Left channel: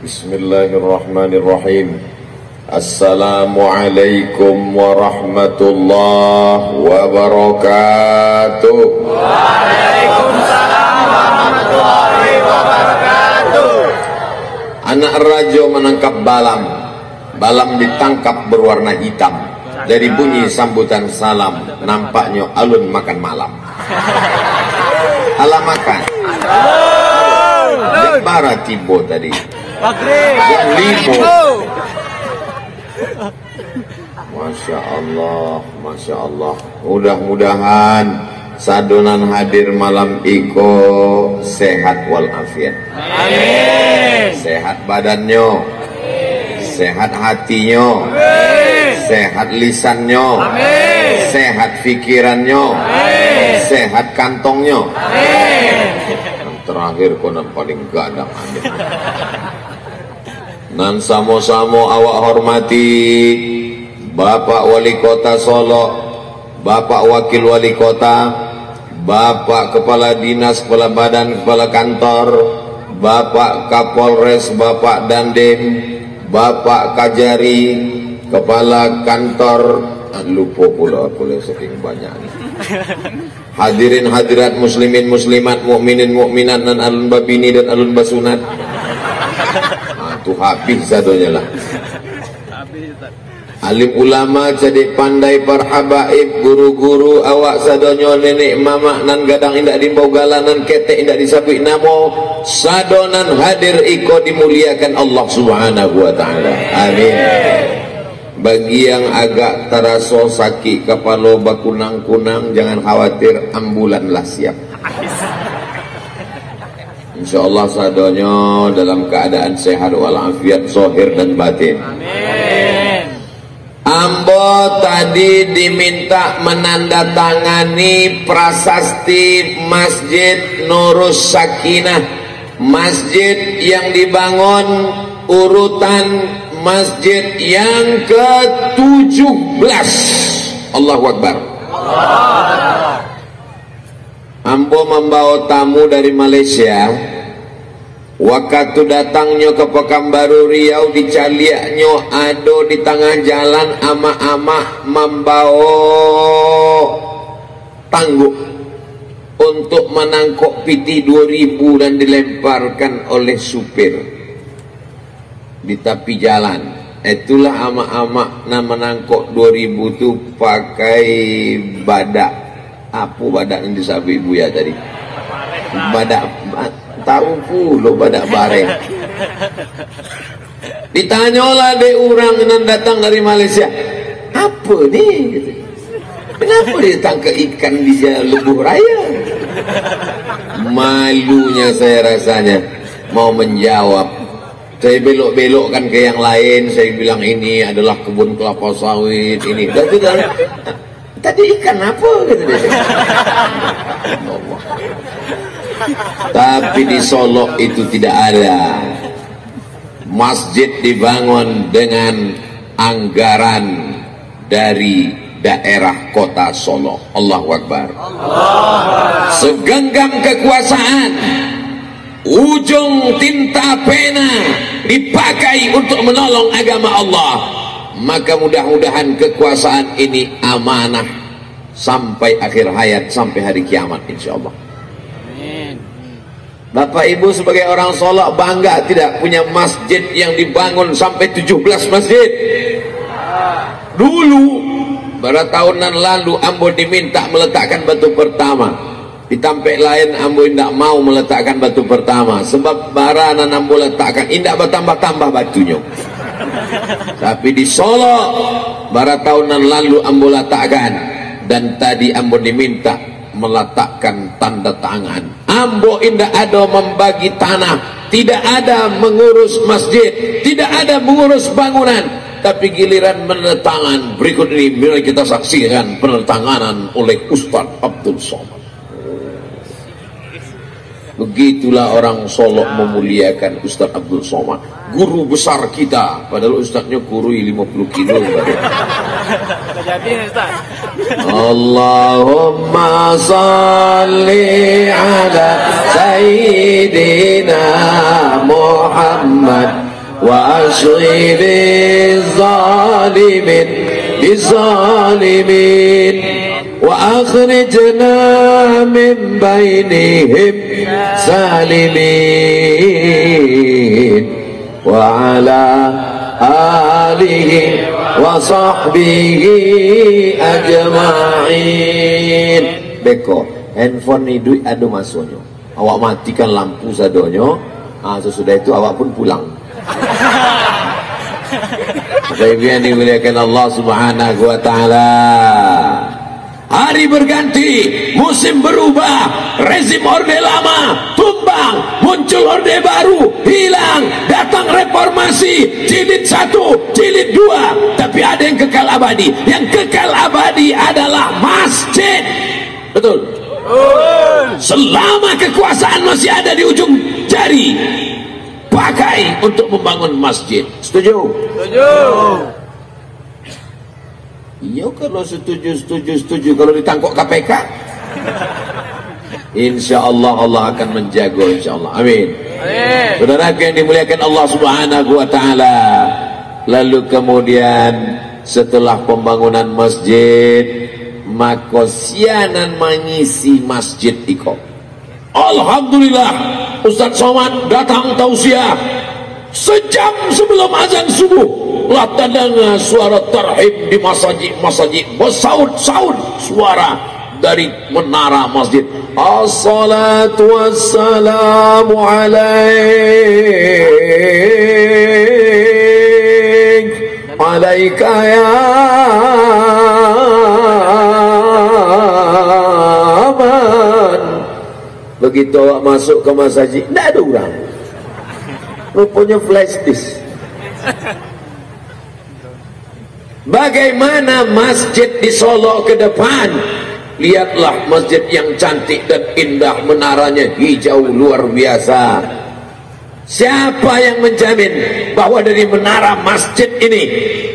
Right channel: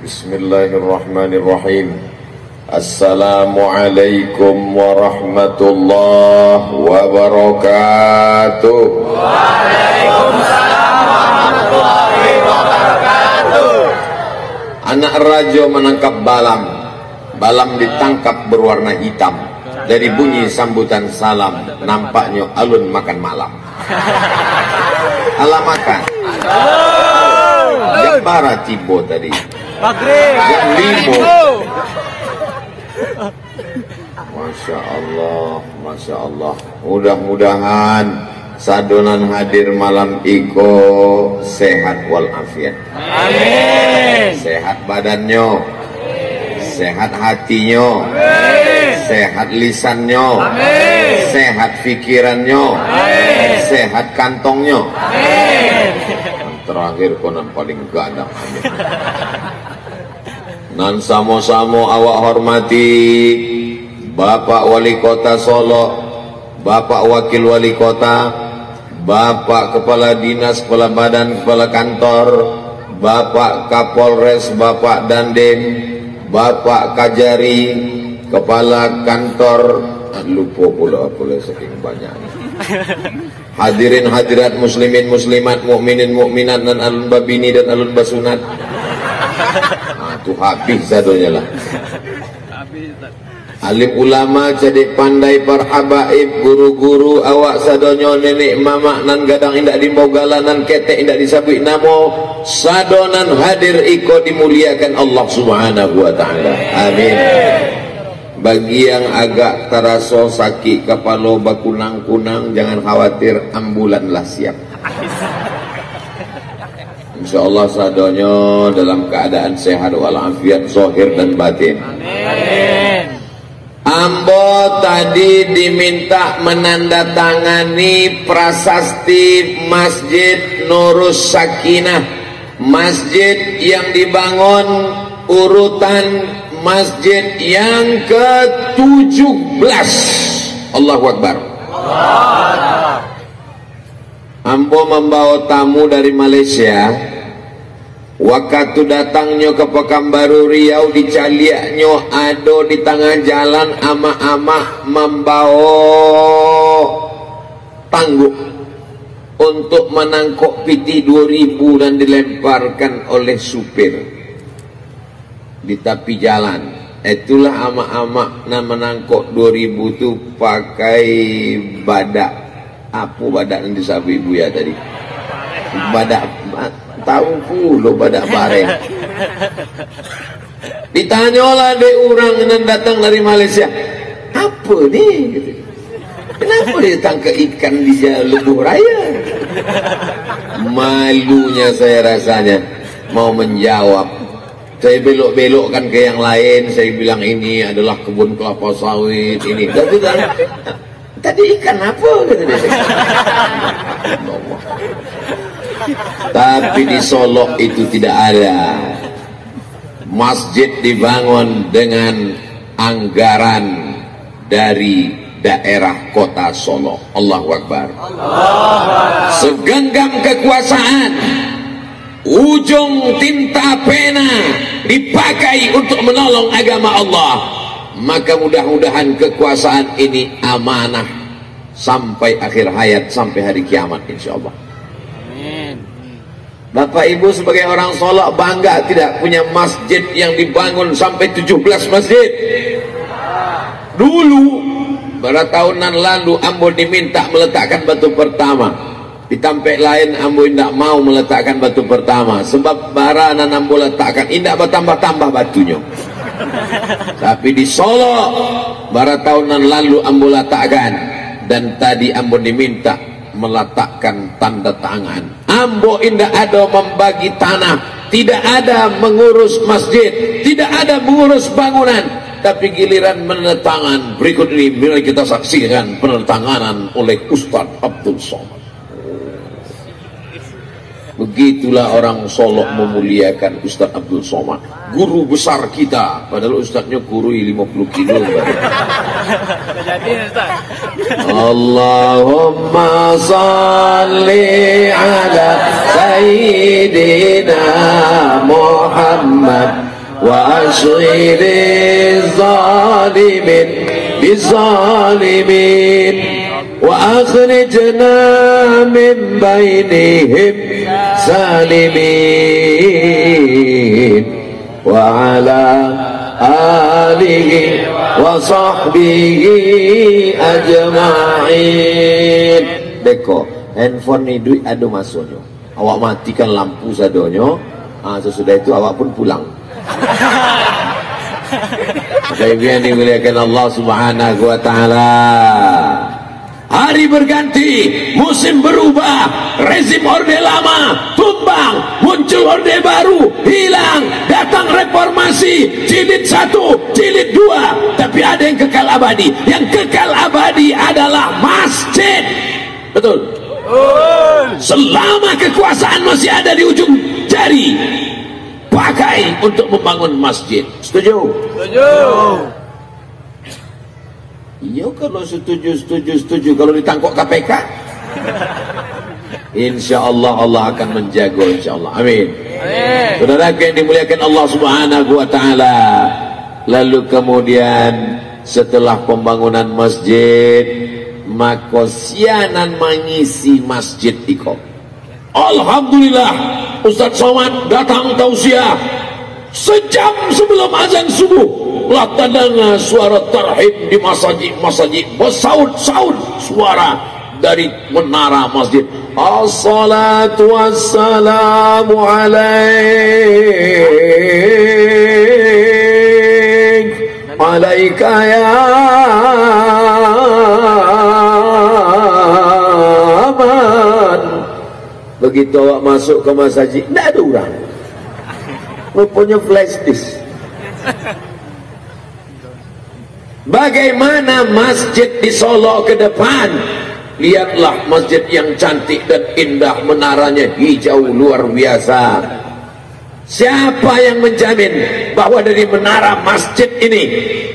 Bismillahirrahmanirrahim. Assalamualaikum warahmatullahi wabarakatuh. Waalaikumsalam warahmatullahi wabarakatuh. Anak raja menangkap balam. Balam ditangkap berwarna hitam. Dari bunyi sambutan salam, nampaknya alun makan malam. Alam makan. Para tibo tadi. Maghrib. Masya Allah, Masya Allah. Mudah-mudahan sadonan hadir malam iko sehat walafiat. Amin. Sehat badannya, sehat hatinya, sehat lisannya, sehat pikirannya, sehat kantongnya. Terakhir konon paling gadang. Nan samo-samo awak hormati Bapak Wali Kota Solo, Bapak Wakil Wali Kota, Bapak Kepala Dinas, Kepala Badan, Kepala Kantor, Bapak Kapolres, Bapak Dandim, Bapak Kajari, Kepala Kantor, lupa pula saking banyak. Hadirin hadirat muslimin muslimat, mukminin mukminat, dan alun babini dan alun basunat. Itu habis sadonya lah. Alim ulama jadi pandai para habaib, guru-guru awak sadonyo, nenek mama nan gadang indak dimbogala, nan ketek indak disabui namo, sadonan hadir iko dimuliakan Allah Subhanahu wa taala. Amin. Bagi yang agak terasa sakit kepala bakunang-kunang, jangan khawatir, ambulanlah siap. InsyaAllah sadonyo dalam keadaan sehat walafiat zahir dan batin. Amin. Ambo tadi diminta menandatangani prasasti Masjid Nurus Sakinah, masjid yang dibangun urutan masjid yang ke-17. Allahu Akbar. Ambo membawa tamu dari Malaysia. Waktu datangnya ke Pekanbaru Riau, di Caliaknya ado di tengah jalan ama-ama membawa tangguh untuk menangkok piti 2000 dan dilemparkan oleh supir di tepi jalan. Itulah ama-ama na menangkok 2000 itu pakai badak. Apa badak yang disabi ibu ya tadi? Badak, tahu pula badak bareng. Ditanyalah de orang yang datang dari Malaysia, apa ni? Kenapa dia tangkap ikan di Lebuh Raya? Malunya saya rasanya mau menjawab. Saya belok-belokkan ke yang lain. Saya bilang ini adalah kebun kelapa sawit ini. Dan sudah. Tadi ikan apa? Tapi di Solo itu tidak ada. Masjid dibangun dengan anggaran dari daerah kota Solo. Allahu Akbar. Segenggam kekuasaan, ujung tinta pena dipakai untuk menolong agama Allah. Maka mudah-mudahan kekuasaan ini amanah sampai akhir hayat, sampai hari kiamat insyaallah. Bapak Ibu sebagai orang Solo bangga tidak punya masjid yang dibangun sampai 17 masjid. Dulu pada tahunan lalu Ambo diminta meletakkan batu pertama. Di Tampek lain Ambo tidak mau meletakkan batu pertama sebab baranan Ambo letakkan tidak bertambah-tambah batunya. Tapi di Solo pada tahunan lalu Ambo letakkan, dan tadi Ambo diminta meletakkan tanda tangan. Ambo indah ada membagi tanah, tidak ada mengurus masjid, tidak ada mengurus bangunan, tapi giliran menetangan berikut ini bila kita saksikan penetanganan oleh Ustaz Abdul Somad. Begitulah orang Solok memuliakan Ustaz Abdul Somad, guru besar kita. Padahal Ustaznya kurui 50 kilo. Jadi Ustaz. Allahumma salli ala Sayyidina Muhammad wa ashribi zalimin bizalimin wa akhrijna min bainihim salimin wa ala alihi wa sahbihi ajma'in. Beko handphone ni duit ada masuknya, awak matikan lampu sadonyo, sesudah itu awak pun pulang. Kelebihan dimuliakan Allah Subhanahu wa taala. Hari berganti, musim berubah, rezim orde lama tumbang, muncul orde baru, hilang, datang reformasi, jilid 1, jilid 2, tapi ada yang kekal abadi. Yang kekal abadi adalah masjid. Betul? Selama kekuasaan masih ada di ujung jari, pakai untuk membangun masjid. Setuju? Setuju. Iya, kalau setuju. Kalau ditangkap KPK, insya Allah Allah akan menjaga, insya Allah. Amin. Saudara yang dimuliakan Allah Subhanahu wa taala. Lalu kemudian setelah pembangunan masjid, maka sianan mengisi masjid iko. Alhamdulillah, Ustaz Somad datang tausiah sejam sebelum azan subuh. Lah tandanya suara tarhib di masjid bersaut-saut suara dari menara masjid. Assalatu wassalamu alaika ya man. Begitu awak masuk ke masjid, tidak ada orang, rupanya flash disk. Bagaimana masjid di Solo ke depan? Lihatlah masjid yang cantik dan indah, menaranya hijau luar biasa. Siapa yang menjamin bahwa dari menara masjid ini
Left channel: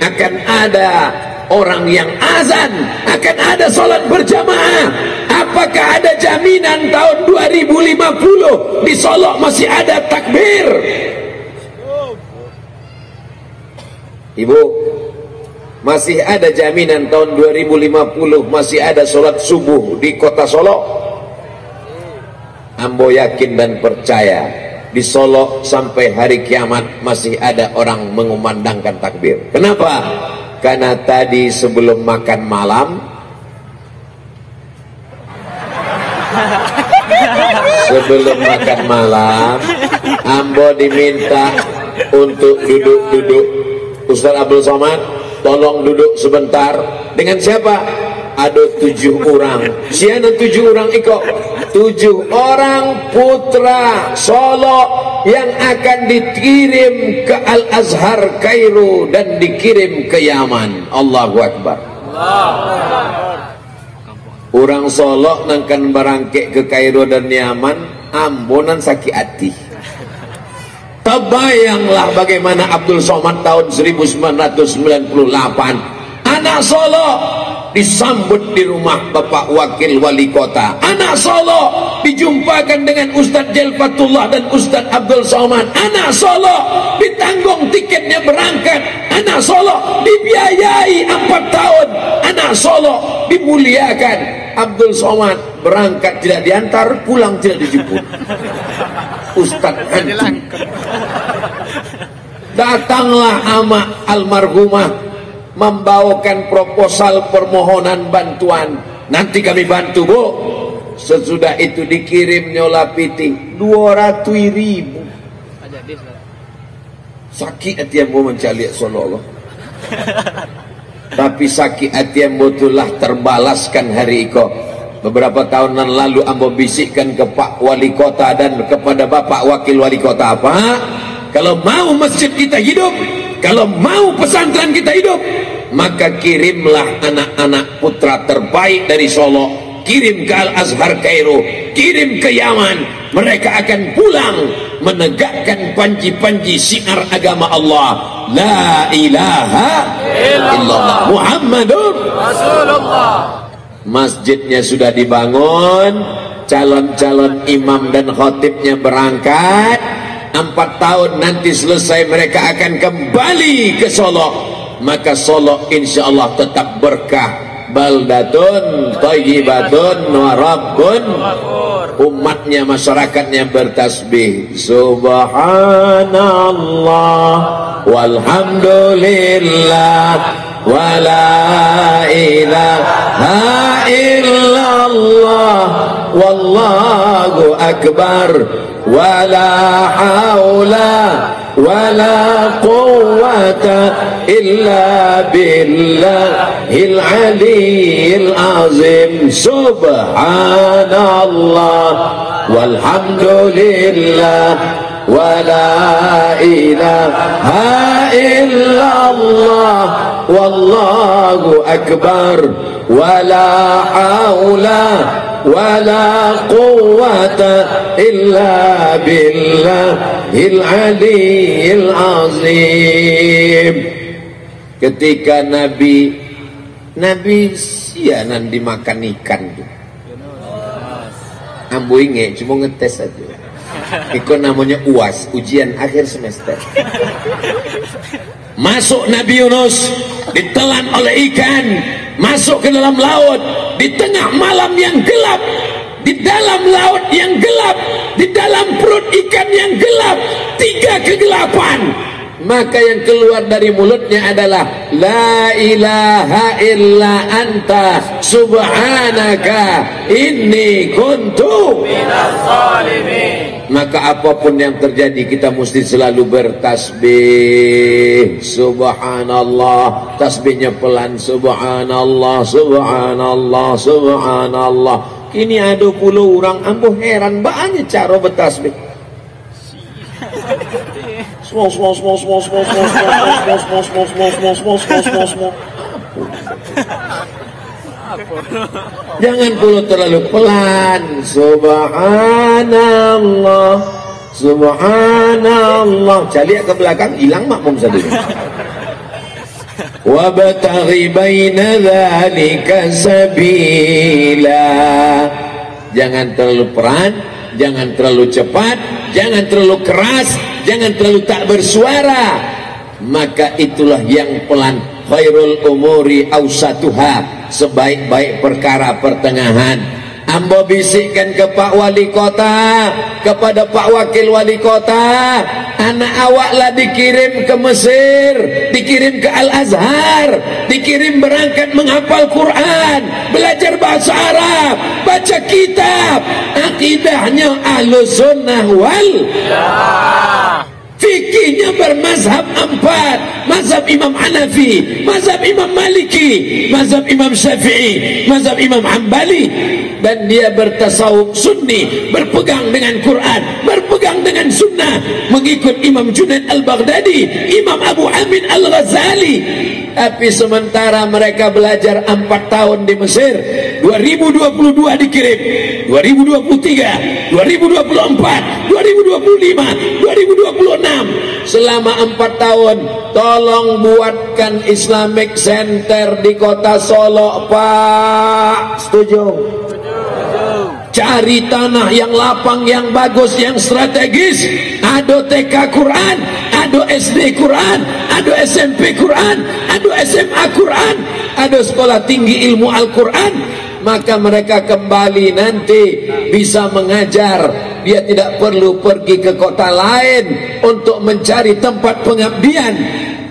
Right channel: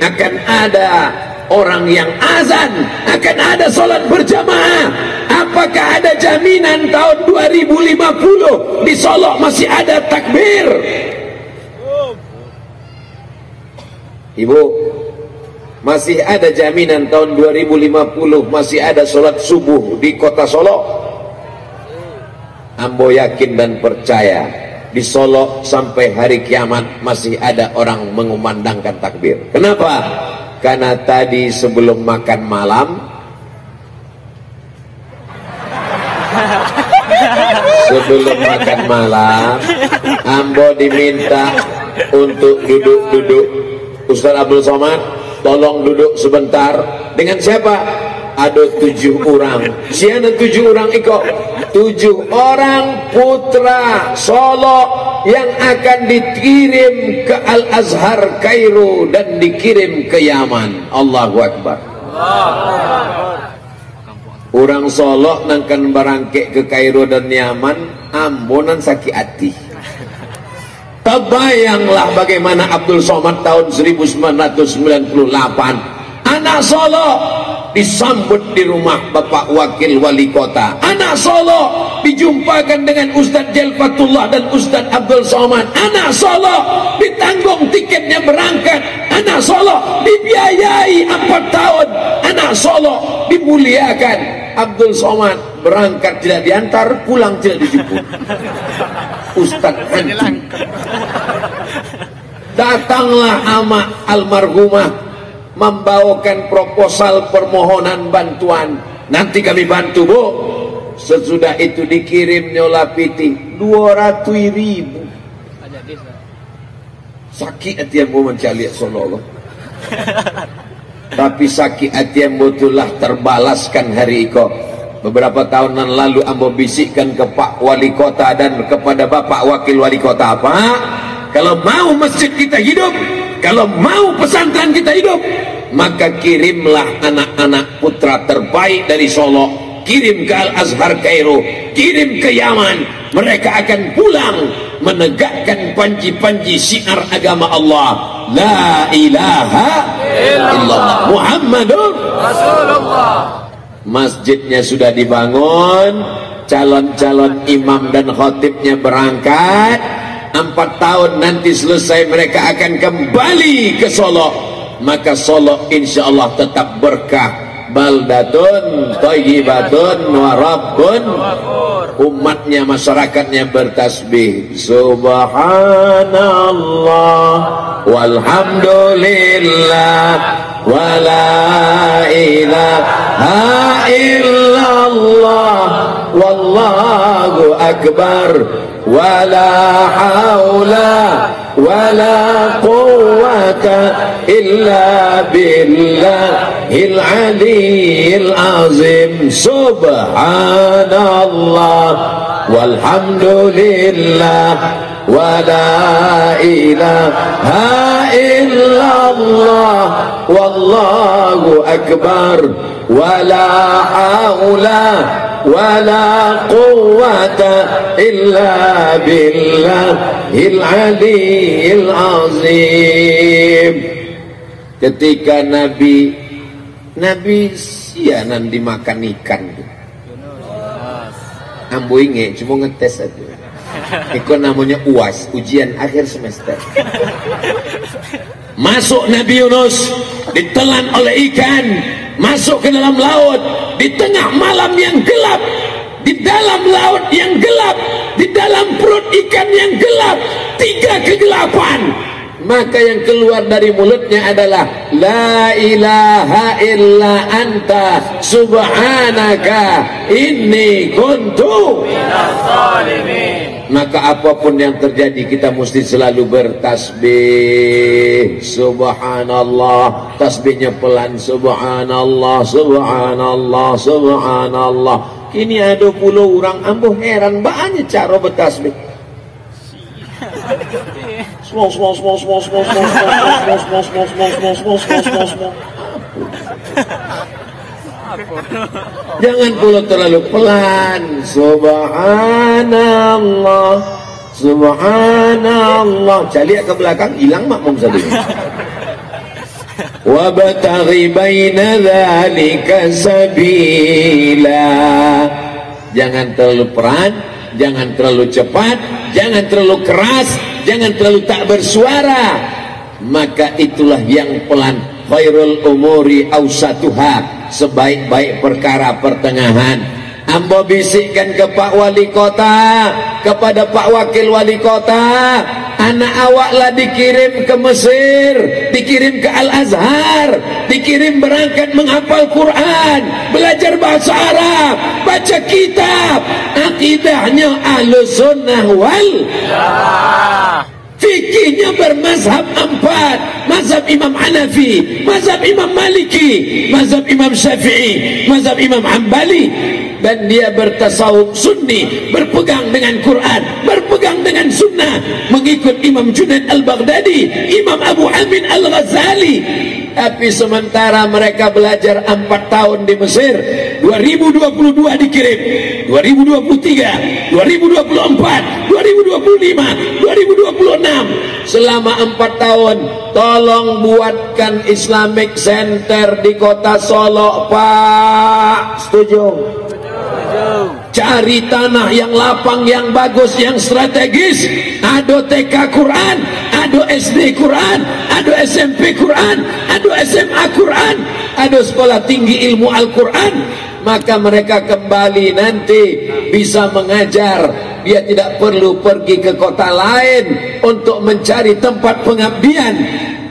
akan ada orang yang azan, akan ada salat berjamaah? Apakah ada jaminan tahun 2050 di Solo masih ada takbir? Ibu, masih ada jaminan tahun 2050 masih ada sholat subuh di kota Solo? Ambo yakin dan percaya di Solo sampai hari kiamat masih ada orang mengumandangkan takbir. Kenapa? Karena tadi sebelum makan malam, Ambo diminta untuk duduk-duduk. Ustaz Abdul Somad, tolong duduk sebentar. Dengan siapa? Ada 7 orang. Siapa 7 orang iko? 7 orang putra Solo yang akan dikirim ke Al-Azhar Kairo dan dikirim ke Yaman. Allahu Akbar. Orang Solo nangkan barangke ke Kairo dan Yaman, ambonan sakit hati. Terbayanglah bagaimana Abdul Somad tahun 1998, anak Solo disambut di rumah Bapak Wakil Wali Kota. Anak Solo dijumpakan dengan Ustadz Jelfatullah dan Ustadz Abdul Somad. Anak Solo ditanggung tiketnya berangkat. Anak Solo dibiayai 4 tahun. Anak Solo dimuliakan. Abdul Somad berangkat tidak diantar, pulang tidak dijemput. Ustadz anjing. Datanglah amak almarhumah membawakan proposal permohonan bantuan. Nanti kami bantu, Bu. Sesudah itu dikirim nyola piti 200.000. Sakit hati yang mau mencari Solo. Tapi sakit hati yang betulah terbalaskan hari iko. Beberapa tahunan lalu ambo bisikkan ke Pak Wali Kota dan kepada Bapak Wakil Wali Kota, apa? Kalau mau masjid kita hidup, kalau mau pesantren kita hidup, maka kirimlah anak-anak putra terbaik dari Solo kirim ke Al-Azhar Kairo, kirim ke Yaman. Mereka akan pulang menegakkan panji-panji syiar agama Allah, la ilaha illallah Muhammadur Rasulullah. Masjidnya sudah dibangun, calon-calon imam dan khatibnya berangkat. 4 tahun nanti selesai mereka akan kembali ke Solo. Maka Solo insya Allah tetap berkah. Baldatun thayyibatun wa rabbun, umatnya, masyarakatnya bertasbih subhanallah walhamdulillah wa la ilaha illallah wallahu akbar wa la haula wa la quwwata illa billahil aliyyil azim. Subhanallah walhamdulillah wa la ilaha illallah wallahu akbar wa la haula wa la quwwata illa billahil aliyyil azim. Ketika Nabi sianan dimakan ikan tuh. Ambo inge cuma ngetes aja. Itu namanya UAS, ujian akhir semester. Masuk Nabi Yunus, ditelan oleh ikan, masuk ke dalam laut, di tengah malam yang gelap, di dalam laut yang gelap, di dalam perut ikan yang gelap, 3 kegelapan. Maka yang keluar dari mulutnya adalah la ilaha illa anta subhanaka inni kuntu minaz zalimin. Maka apapun yang terjadi kita mesti selalu bertasbih subhanallah. Tasbihnya pelan, subhanallah subhanallah subhanallah. Kini ada puluh orang ambo heran banyak cara bertasbih. Jangan pula terlalu pelan. Subhanallah subhanallah. Cari ke belakang hilang makmum tadi. Wabtaghi baina dzalika sabila. Jangan terlalu pelan, jangan terlalu cepat, jangan terlalu keras, jangan terlalu tak bersuara. Maka itulah yang pelan. Khairul umuri awsatuha, sebaik-baik perkara pertengahan. Ambo bisikkan ke Pak Wali Kota, kepada Pak Wakil Wali Kota, anak awaklah dikirim ke Mesir, dikirim ke Al-Azhar, dikirim berangkat menghafal Quran, belajar bahasa Arab, baca kitab, akidahnya Ahlus Sunnah wal Jamaah. Fikihnya bermazhab 4, mazhab Imam Hanafi, mazhab Imam Maliki, mazhab Imam Syafi'i, mazhab Imam Hambali. Dan dia bertasawuf sunni, berpegang dengan Quran, berpegang dengan sunnah, mengikut Imam Junaid Al-Baghdadi, Imam Abu Hamid Al-Ghazali. Tapi sementara mereka belajar 4 tahun di Mesir, 2022 dikirim, 2023, 2024, 2025, 2026. Selama 4 tahun, tolong buatkan Islamic Center di kota Solo, Pak. Setuju? Cari tanah yang lapang, yang bagus, yang strategis. Ada TK Quran, ada SD Quran, ada SMP Quran, ada SMA Quran, ada sekolah tinggi ilmu Al-Quran. Maka mereka kembali nanti bisa mengajar. Dia tidak perlu pergi ke kota lain untuk mencari tempat pengabdian.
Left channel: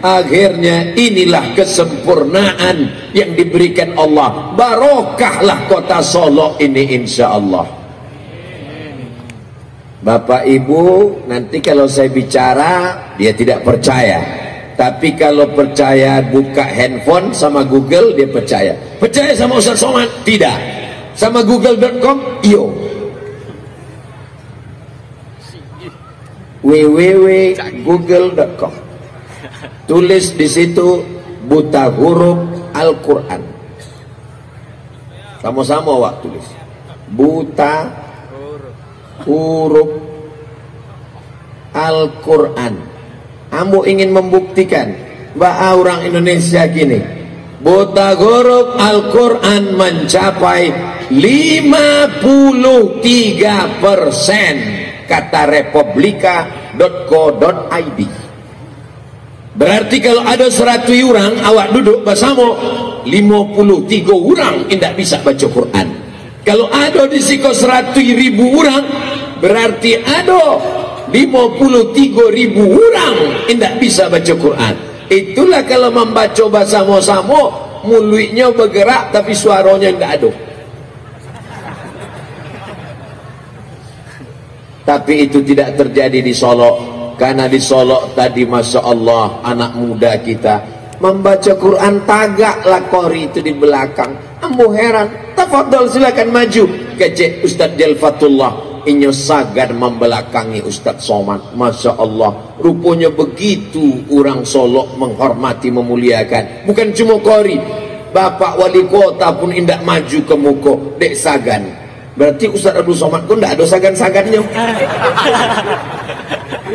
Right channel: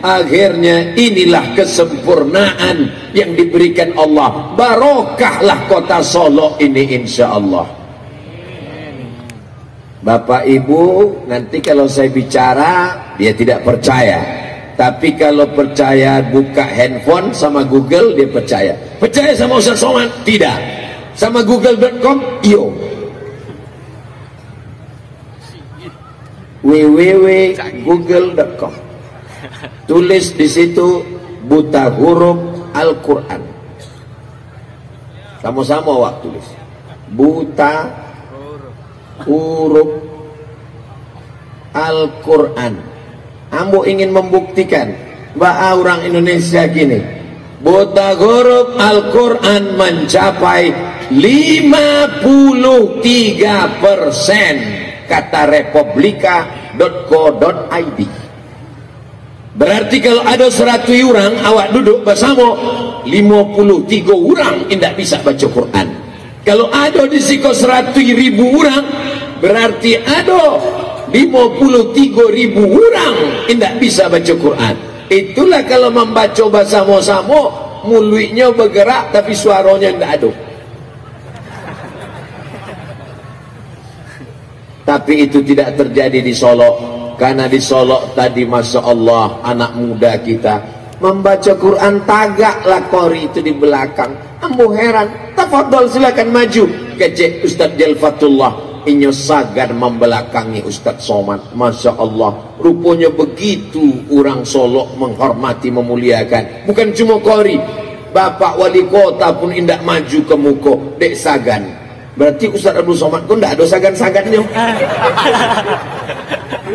Akhirnya inilah kesempurnaan yang diberikan Allah. Barokahlah kota Solo ini insya Allah. Bapak Ibu, nanti kalau saya bicara dia tidak percaya. Tapi kalau percaya buka handphone sama Google dia percaya. Percaya sama Ustaz Somad? Tidak. Sama google.com? Iyo. www.google.com. Tulis di situ buta huruf Al-Quran. Sama-sama awak tulis. Buta huruf Al-Quran. Ambo ingin membuktikan bahwa orang Indonesia gini, buta huruf Al-Quran mencapai 53%, kata republika.co.id. Berarti kalau ada 100 orang awak duduk bersama, 53 orang tidak bisa baca Quran. Kalau ada di siko 100.000 orang, berarti ada 53.000 orang tidak bisa baca Quran. Itulah kalau membaca bersama-sama, mulutnya bergerak tapi suaranya tidak ada. Tapi itu tidak terjadi di Solo. Karena di Solo tadi Masya Allah anak muda kita membaca Quran, tagaklah kori itu di belakang. Ambo heran. Tafadhol silakan maju. Kecek Ustaz Jalfatullah inyo sagan membelakangi Ustaz Somad. Masya Allah, rupanya begitu orang Solo menghormati, memuliakan. Bukan cuma kori, Bapak Wali Kota pun indak maju ke muka dek sagan. Berarti Ustaz Abdul Somad pun tidak ada sagan-sagannya.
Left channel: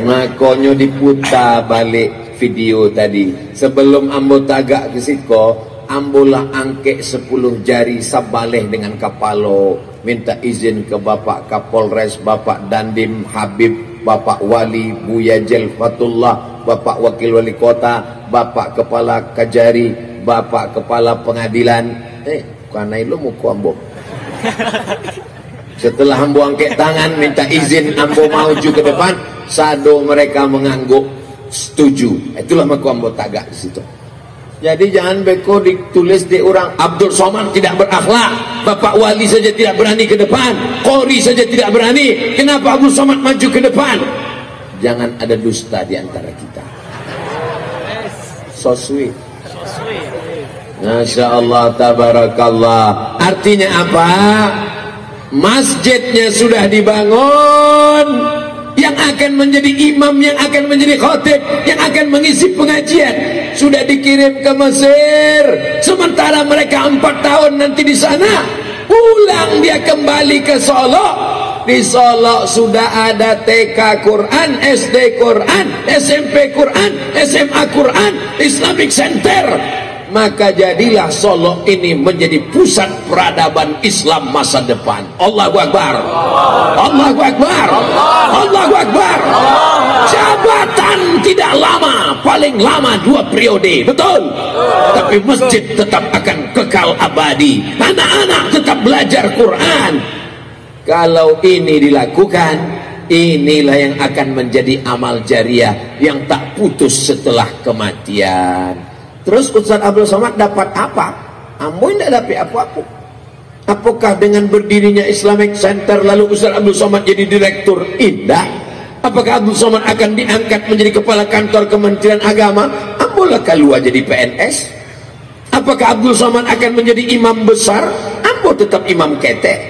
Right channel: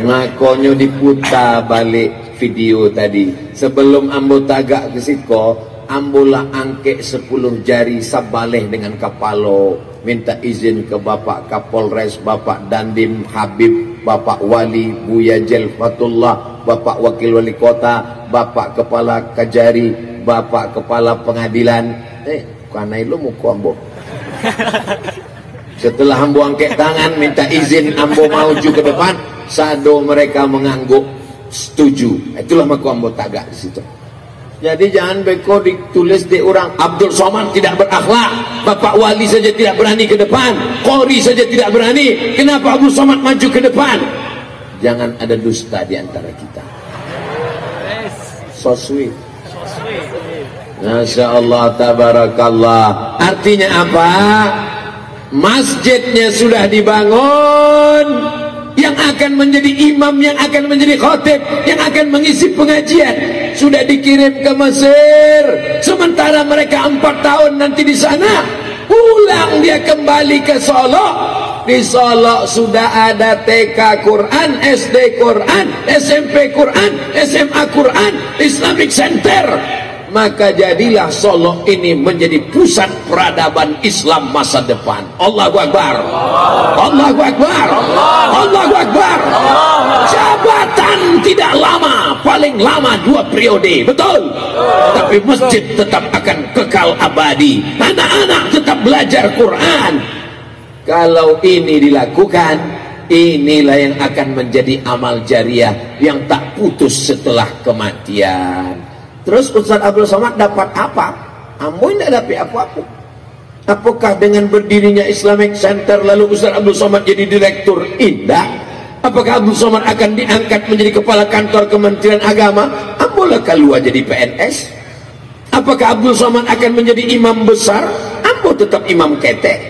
Makanya diputar balik video tadi. Sebelum ambo tagak ke siko, ambolah angke 10 jari sabaleh dengan kapalo, minta izin ke Bapak Kapolres, Bapak Dandim Habib, Bapak Wali Buya Jalfatullah, Bapak Wakil Wali Kota, Bapak Kepala Kajari, Bapak Kepala Pengadilan. Karena itu muka ambo. Setelah ambo angkat tangan minta izin ambo maju ke depan, sado mereka mengangguk setuju. Itulah maka ambo tagak di situ. Jadi jangan beko ditulis di orang Abdul Somad tidak berakhlak, Bapak Wali saja tidak berani ke depan, Qori saja tidak berani. Kenapa Abdul Somad maju ke depan? Jangan ada dusta di antara kita. So sweet. Masya Allah, tabarakallah. Artinya apa? Masjidnya sudah dibangun, yang akan menjadi imam, yang akan menjadi khotib, yang akan mengisi pengajian sudah dikirim ke Mesir. Sementara mereka 4 tahun nanti di sana, pulang dia kembali ke Solo. Di Solo sudah ada TK Quran, SD Quran, SMP Quran, SMA Quran, Islamic Center. Maka jadilah Solo ini menjadi pusat peradaban Islam masa depan. Allahu Akbar, Allahu Akbar, Allahu Akbar. Jabatan tidak lama, paling lama 2 periode, betul. Tapi masjid tetap akan kekal abadi. Anak-anak tetap belajar Quran. Kalau ini dilakukan, inilah yang akan menjadi amal jariah yang tak putus setelah kematian. Terus Ustaz Abdul Somad dapat apa? Ambo tidak dapat apa-apa. Apakah dengan berdirinya Islamic Center lalu Ustaz Abdul Somad jadi direktur? Tidak. Apakah Abdul Somad akan diangkat menjadi kepala kantor Kementerian Agama? Ambo lah keluar jadi PNS. Apakah Abdul Somad akan menjadi imam besar? Ambo tetap imam ketek.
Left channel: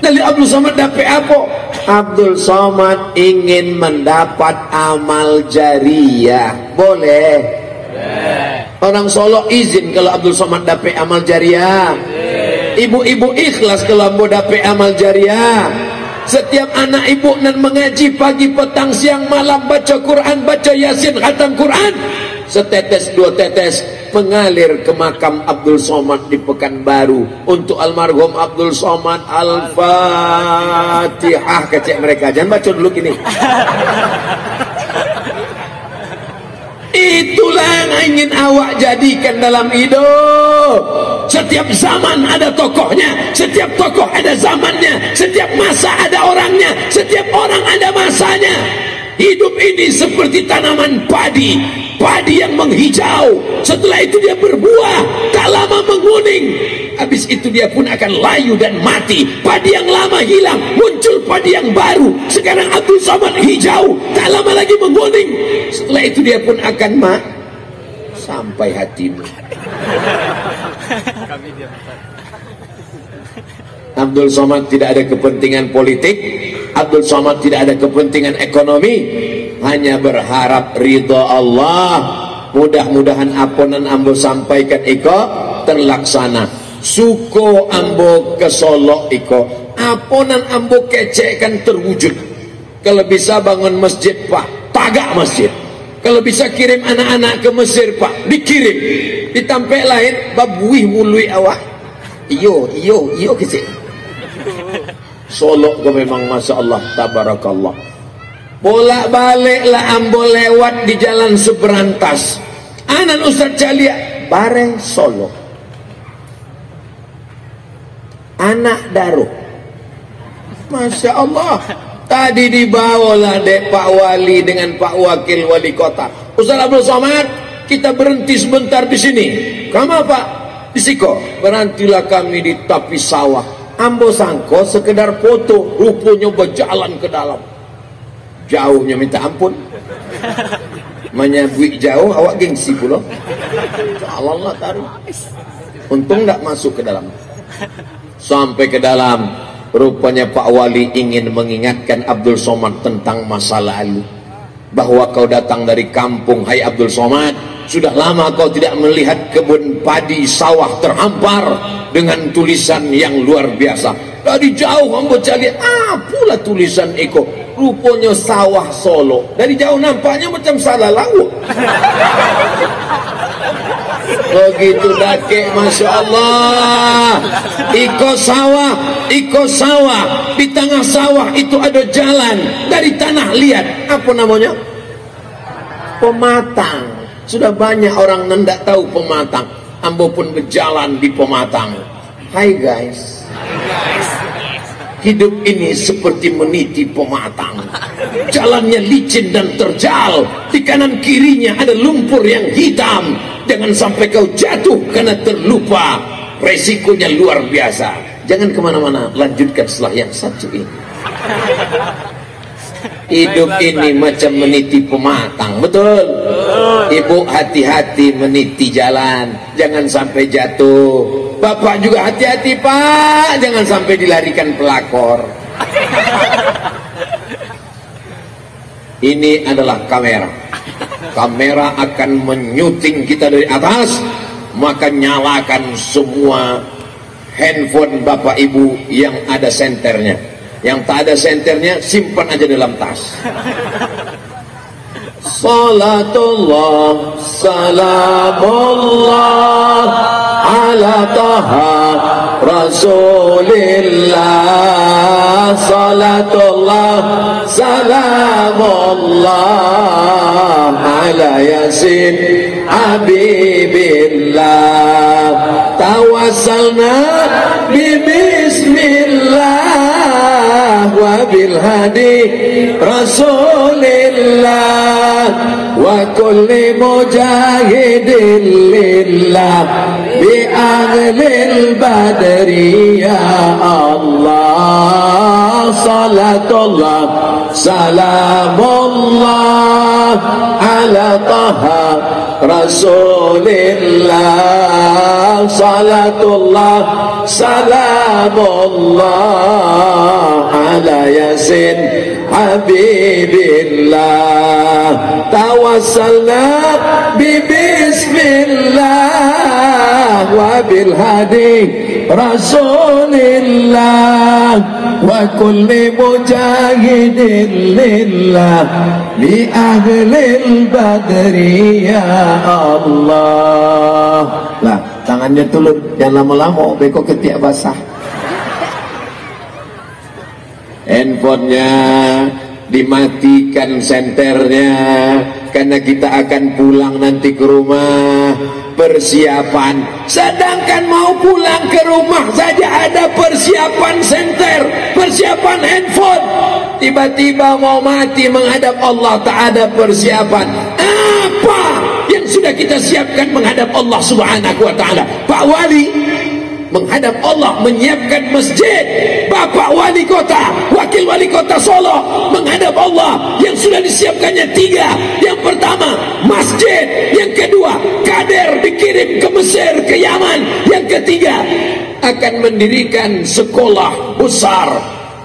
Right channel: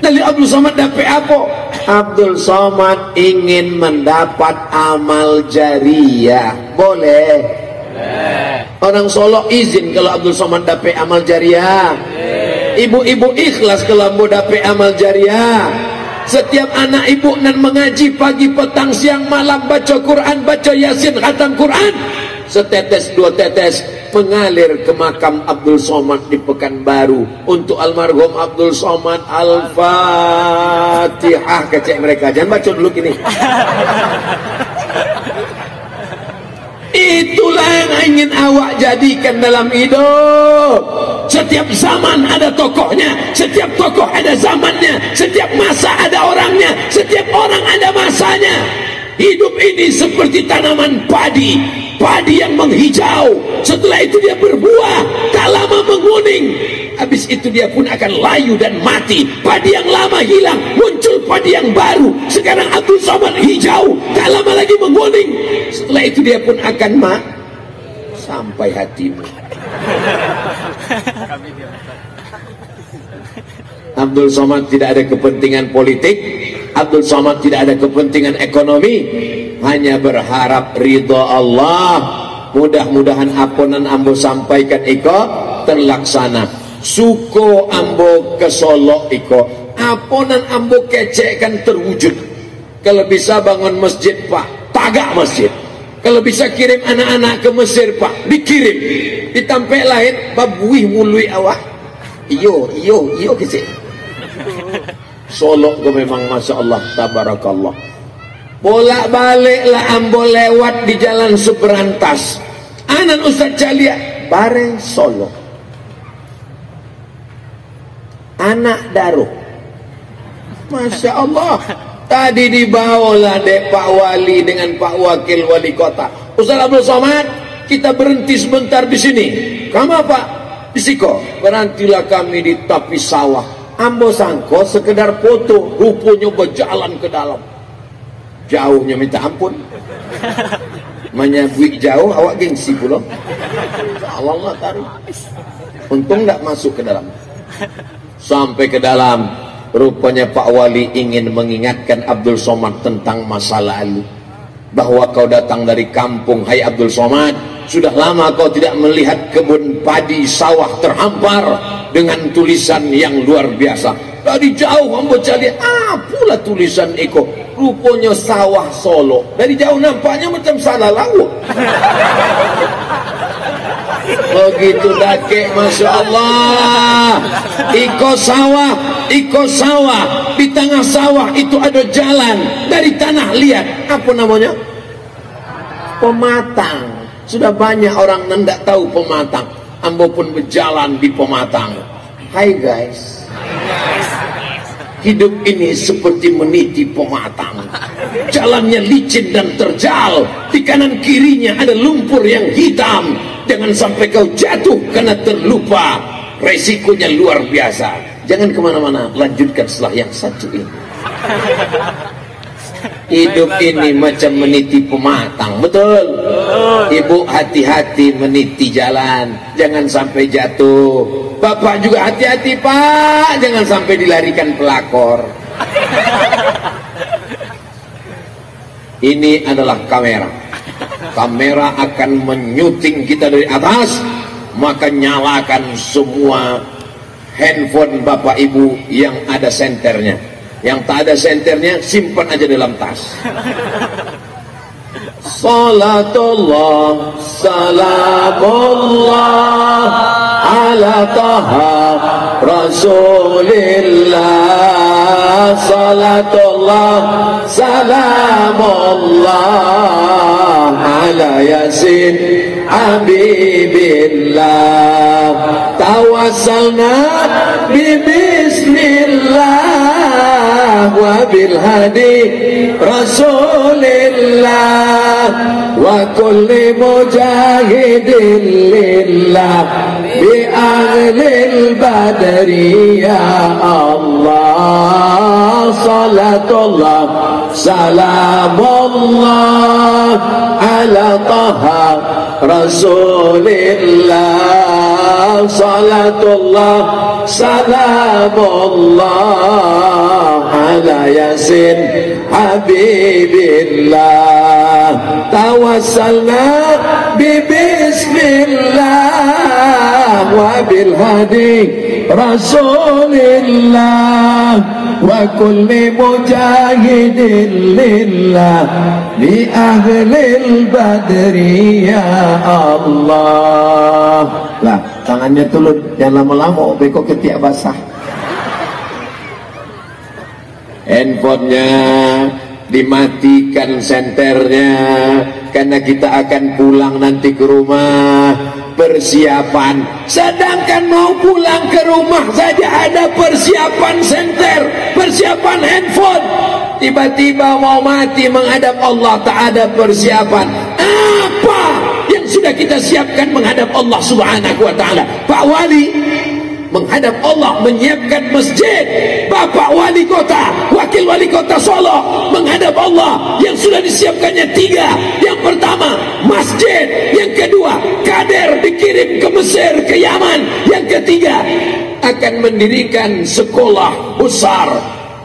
Lalu Abdul Somad dapat apa? Abdul Somad ingin mendapat amal jariah. Boleh? Orang Solo izin kalau Abdul Somad dapat amal jariah. Ibu-ibu ikhlas kalau ambo dapat amal jariah. Setiap anak ibu nan mengaji pagi, petang, siang, malam, baca Quran, baca Yasin, khatam Quran, setetes 2 tetes mengalir ke makam Abdul Somad di Pekanbaru untuk almarhum Abdul Somad. Al-Fatihah. Kecek mereka, jangan baca dulu gini. Itulah yang ingin awak jadikan dalam hidup. Setiap zaman ada tokohnya, setiap tokoh ada zamannya, setiap masa ada orangnya, setiap orang ada masanya. Hidup ini seperti tanaman padi, padi yang menghijau, setelah itu dia berbuah, tak lama menguning, habis itu dia pun akan layu dan mati. Padi yang lama hilang, muncul padi yang baru. Sekarang Abdul Somad hijau, tak lama lagi menguning, setelah itu dia pun akan sampai hatimu. Abdul Somad tidak ada kepentingan politik, Abdul Somad tidak ada kepentingan ekonomi, hanya berharap ridha Allah. Mudah-mudahan apa yang ambo sampaikan iko terlaksana. Suko ambo ke Solo iko, aponan ambo kecek kan terwujud. Kalau bisa bangun masjid Pak, tagak masjid. Kalau bisa kirim anak-anak ke Mesir Pak, dikirim. Ditampek lain babuih mului awak. Iyo kecek. Solo ke memang Masya Allah, tabarakallah. Bolak-balik lah ambo lewat di jalan Subrantas. Anak Ustaz Calia bareng Solo. Anak Daruh. Masya Allah. Tadi dibawalah dek Pak Wali dengan Pak Wakil Wali Kota. Ustaz Abdul Somad, kita berhenti sebentar di sini. Kamu Pak? Di Siko. Berhentilah kami di tepi sawah. Ambo sangko sekedar foto, rupanya berjalan ke dalam. Jauhnya minta ampun. Menyabui jauh, awak gengsi pula. Allah taruh. Untung nggak masuk ke dalam. Sampai ke dalam, rupanya Pak Wali ingin mengingatkan Abdul Somad tentang masa lalu. Bahwa kau datang dari kampung, hai Abdul Somad. Sudah lama kau tidak melihat kebun padi sawah terhampar dengan tulisan yang luar biasa. Dari jauh membaca lihat, pula tulisan Eko. Rupanya sawah Solo. Dari jauh nampaknya macam salah laut. Begitu dakik, Masya Allah. Iko sawah. Di tengah sawah itu ada jalan. Dari tanah lihat. Apa namanya? Pematang. Sudah banyak orang tidak tahu Pematang. Ambo pun berjalan di Pematang. Hai guys. Hidup ini seperti meniti pematang. Jalannya licin dan terjal. Di kanan kirinya ada lumpur yang hitam. Jangan sampai kau jatuh karena terlupa. Resikonya luar biasa. Jangan kemana-mana. Lanjutkan setelah yang satu ini. Hidup ini macam meniti pematang. Betul? Ibu hati-hati meniti jalan. Jangan sampai jatuh. Bapak juga hati-hati Pak. Jangan sampai dilarikan pelakor. Ini adalah kamera. Kamera akan menyuting kita dari atas. Maka nyalakan semua handphone Bapak Ibu yang ada senternya. Yang tak ada senternya simpan aja dalam tas. Salatullah salamullah ala taha rasulillah. Salatullah salamullah ala yasin habibillah. Tawassalna bismillah wa bil hadi rasulillah wa kulli mujahidin lillah bi ahlil badri ya Allah. Salatullah salamullah ala taha rasulillah. Salatullah salamullah ala yasin habibillah. Tawassalna bismillah wa bil hadi rasulillah wa kulli mujahidin lillah li ahlil badri ya Allah. Lah, tangannya tulut, jangan lama-lama beko ketiak basah. Handphonenya dimatikan senternya karena kita akan pulang nanti ke rumah. Persiapan, sedangkan mau pulang ke rumah saja ada persiapan senter, persiapan handphone. Tiba-tiba mau mati menghadap Allah tak ada persiapan. Apa yang sudah kita siapkan menghadap Allah Subhanahu wa ta'ala? Pak Wali menghadap Allah menyiapkan masjid. Bapak Wali Kota, Wakil Wali Kota Solo menghadap Allah yang sudah disiapkannya 3. Yang pertama masjid, yang kedua kader dikirim ke Mesir, ke Yaman, yang ketiga akan mendirikan sekolah besar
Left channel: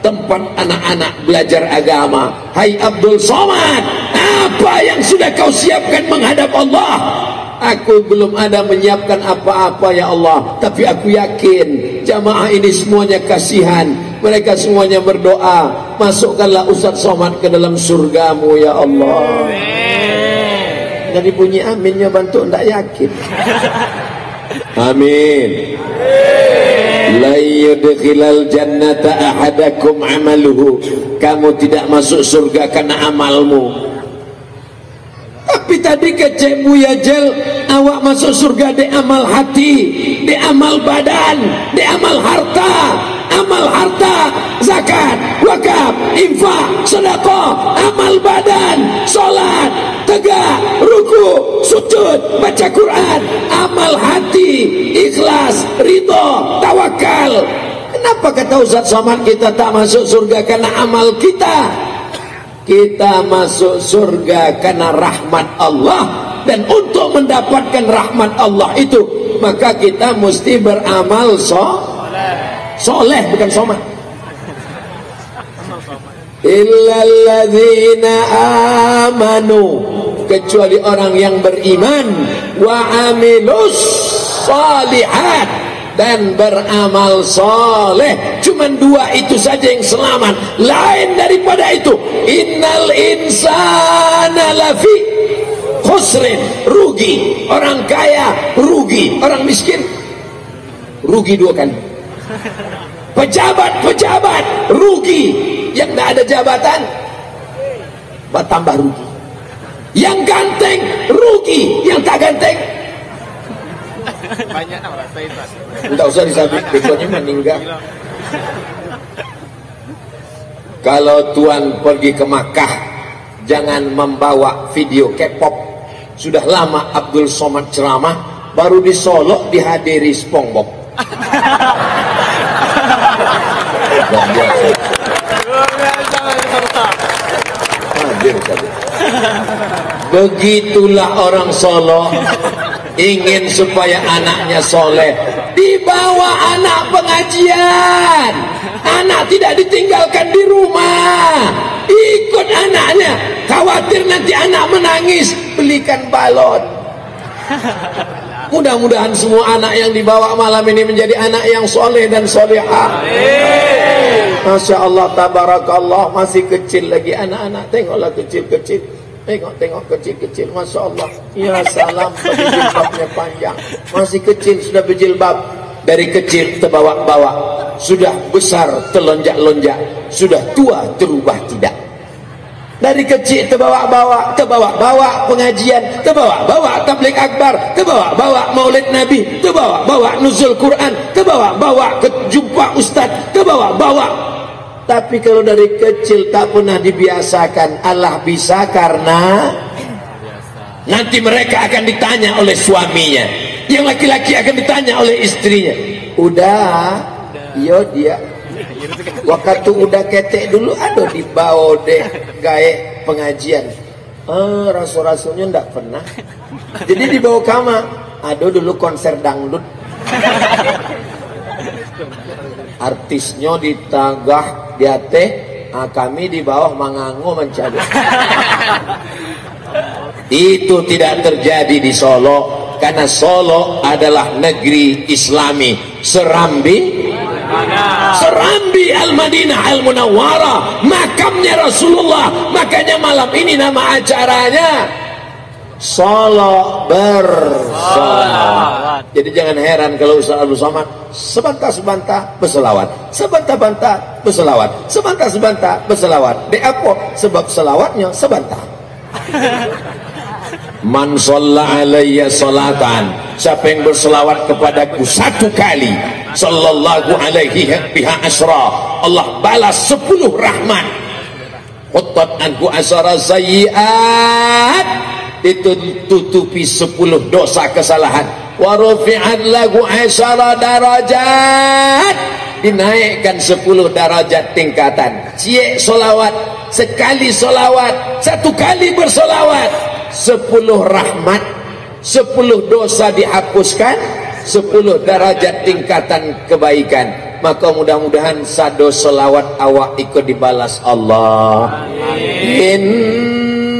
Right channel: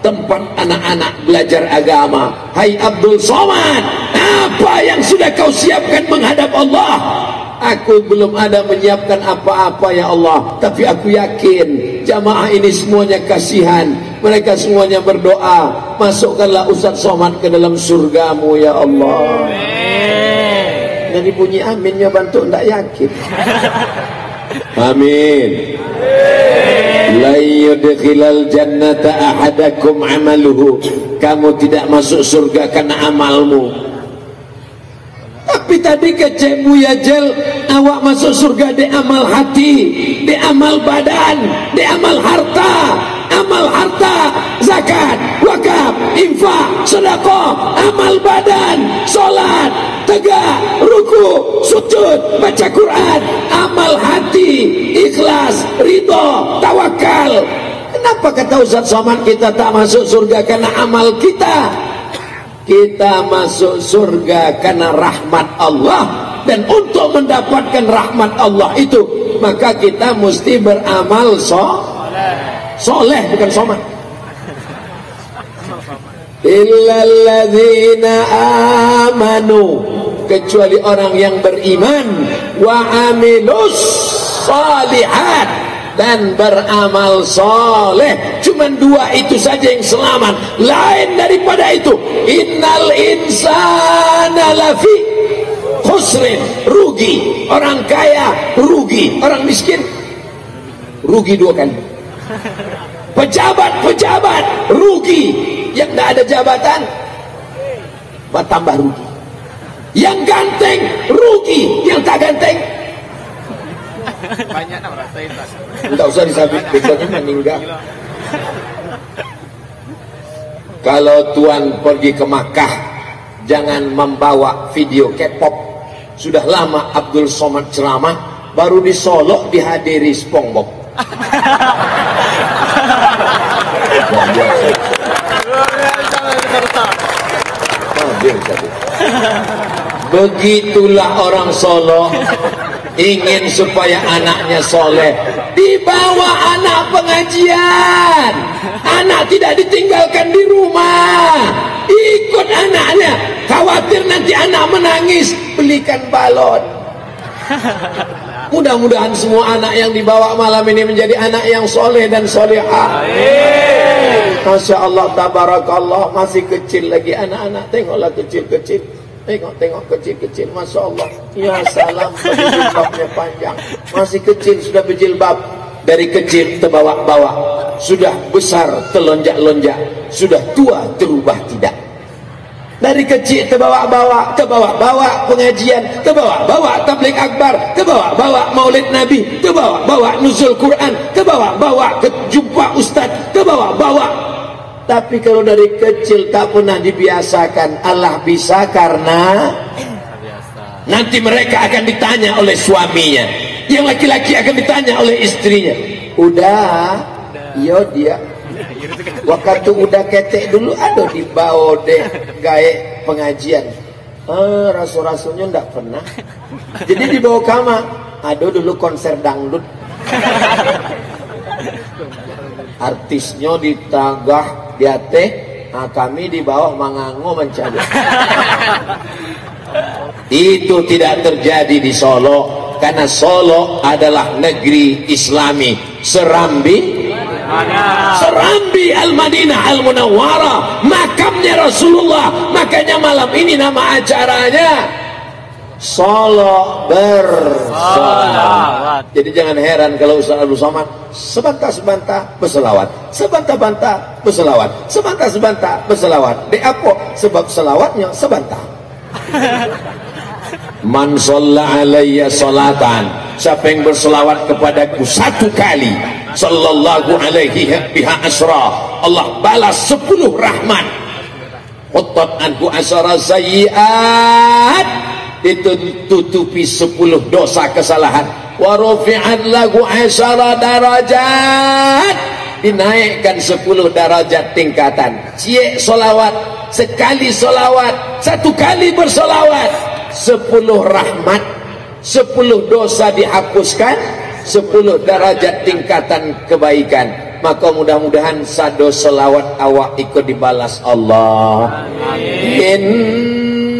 tempat anak-anak belajar agama. Hai Abdul Somad, apa yang sudah kau siapkan menghadap menghadap Allah. Aku belum ada menyiapkan apa-apa ya Allah, tapi aku yakin jamaah ini semuanya kasihan. Mereka semuanya berdoa, masukkanlah Ustaz Somad ke dalam surgamu ya Allah. Jadi bunyi aminnya bantu ndak yakin. Amin. La yudkhilal jannata ahadakum amaluhu. Kamu tidak masuk surga karena amalmu. Tapi tadi kecek Buya Jel, awak masuk surga di amal hati, di amal badan, di amal harta. Amal harta, zakat, wakaf, infak, sedekah, amal badan, salat, tegak, ruku, sujud, baca Quran, amal hati, ikhlas, ridha, tawakal. Kenapa kata Ustaz Somad kita tak masuk surga karena amal kita? Kita masuk surga karena rahmat Allah, dan untuk mendapatkan rahmat Allah itu maka kita mesti beramal soleh, bukan somad. Illalladzina amanu, kecuali orang yang beriman, wa amilus shalihat, dan beramal soleh. Cuman dua itu saja yang selamat. Lain daripada itu, innal insana lafi khusrin, rugi. Orang kaya rugi, orang miskin rugi dua kali. Pejabat rugi. Yang tidak ada jabatan bertambah rugi. Yang ganteng rugi, yang tak ganteng banyak nak rasa itu. Enggak usah disabit, besoknya meninggal. Kalau tuan pergi ke Makkah, jangan membawa video K-pop. Sudah lama Abdul Somad ceramah, baru di Solo dihadiri SpongeBob. Begitulah orang Solo ingin supaya anaknya soleh, dibawa anak pengajian, anak tidak ditinggalkan di rumah, ikut anaknya. Khawatir nanti anak menangis, belikan balon. Mudah-mudahan semua anak yang dibawa malam ini menjadi anak yang soleh dan solehah. Masya Allah, tabarakallah, masih kecil lagi anak-anak. Tengoklah kecil-kecil, tengok kecil-kecil, Masya Allah. Ya salam, jilbabnya panjang, masih kecil sudah berjilbab. Dari kecil terbawa-bawa, sudah besar terlonjak-lonjak, sudah tua terubah tidak. Dari kecil terbawa-bawa pengajian, terbawa-bawa tabligh akbar, terbawa-bawa maulid Nabi, terbawa-bawa nuzul Quran, terbawa-bawa ke jumpa ustaz, terbawa-bawa. Tapi kalau dari kecil tak pernah dibiasakan, Allah bisa karena nanti mereka akan ditanya oleh suaminya, yang laki-laki akan ditanya oleh istrinya. Udah, iya dia. Waktu udah ketek dulu, aduh dibawa deh gaya pengajian. Rasul-rasulnya ndak pernah. Jadi dibawa kamar, aduh dulu konser dangdut. Artisnya di tagah di ateh, kami di bawah mangango mencari. Itu tidak terjadi di Solo, karena Solo adalah negeri Islami. Serambi Al-Madinah Al-Munawwarah, makamnya Rasulullah. Makanya malam ini nama acaranya Solo bersolawat. Jadi jangan heran kalau Ustaz Abdul Somad sebantah-sebantah berselawat, sebantah-bantah berselawat, sebantah-sebantah berselawat. Di apa? Sebab selawatnya sebantah. Man shalla alayya salatan, siapa yang berselawat kepadaku satu kali, sallallahu alaihi biha asra, Allah balas 10 rahmat. Quttat anhu asara sayyi'at, itu tutupi 10 dosa kesalahan. Wa rufi'at lahu asara darajat, dinaikkan 10 derajat tingkatan. Cie solawat, sekali solawat, satu kali bersolawat, 10 rahmat, 10 dosa dihapuskan, 10 derajat tingkatan kebaikan. Maka mudah-mudahan sado solawat awak ikut dibalas Allah.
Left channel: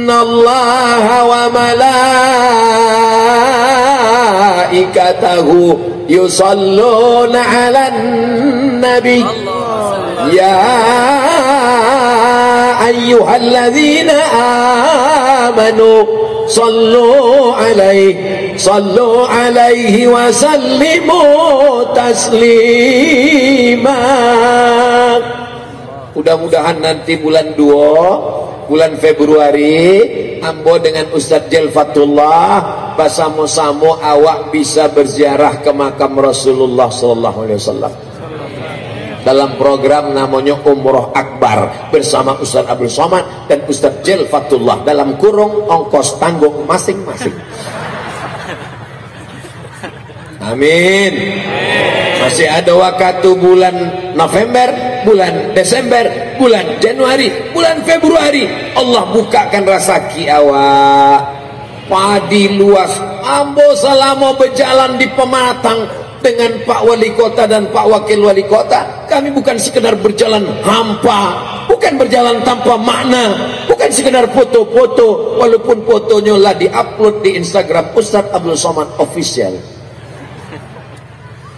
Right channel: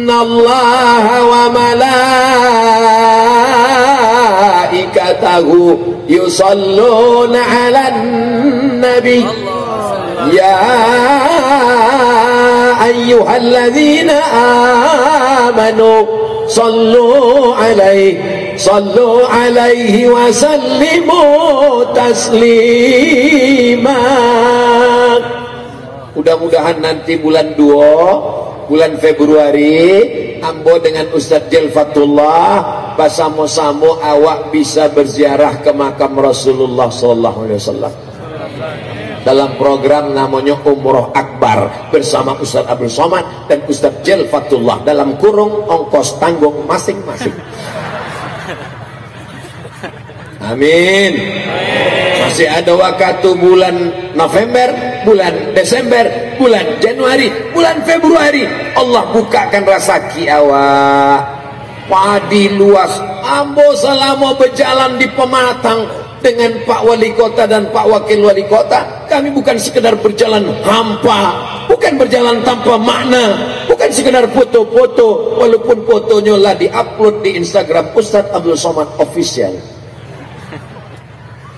Innallaha wa malaikatahu malaikatahu yusalluna 'alan nabi ya ayyuhalladzina amanu sallu alaihi wa sallimu taslima. Mudah-mudahan nanti bulan 2 bulan Februari ambo dengan Ustadz Jelfatullah basamo-samo awak bisa berziarah ke makam Rasulullah sallallahu alaihi wasallam dalam program namanya Umroh Akbar bersama Ustadz Abdul Somad dan Ustadz Jelfatullah dalam kurung ongkos tanggung masing-masing. Amin. Masih ada waktu bulan November, bulan Desember, bulan Januari, bulan Februari. Allah bukakan rezeki awak. Padi luas. Ambo selama berjalan di Pematang dengan Pak Wali Kota dan Pak Wakil Wali Kota, kami bukan sekedar berjalan hampa, bukan berjalan tanpa makna, bukan sekedar foto-foto, walaupun fotonya lah diupload di Instagram Ustadz Abdul Somad Official.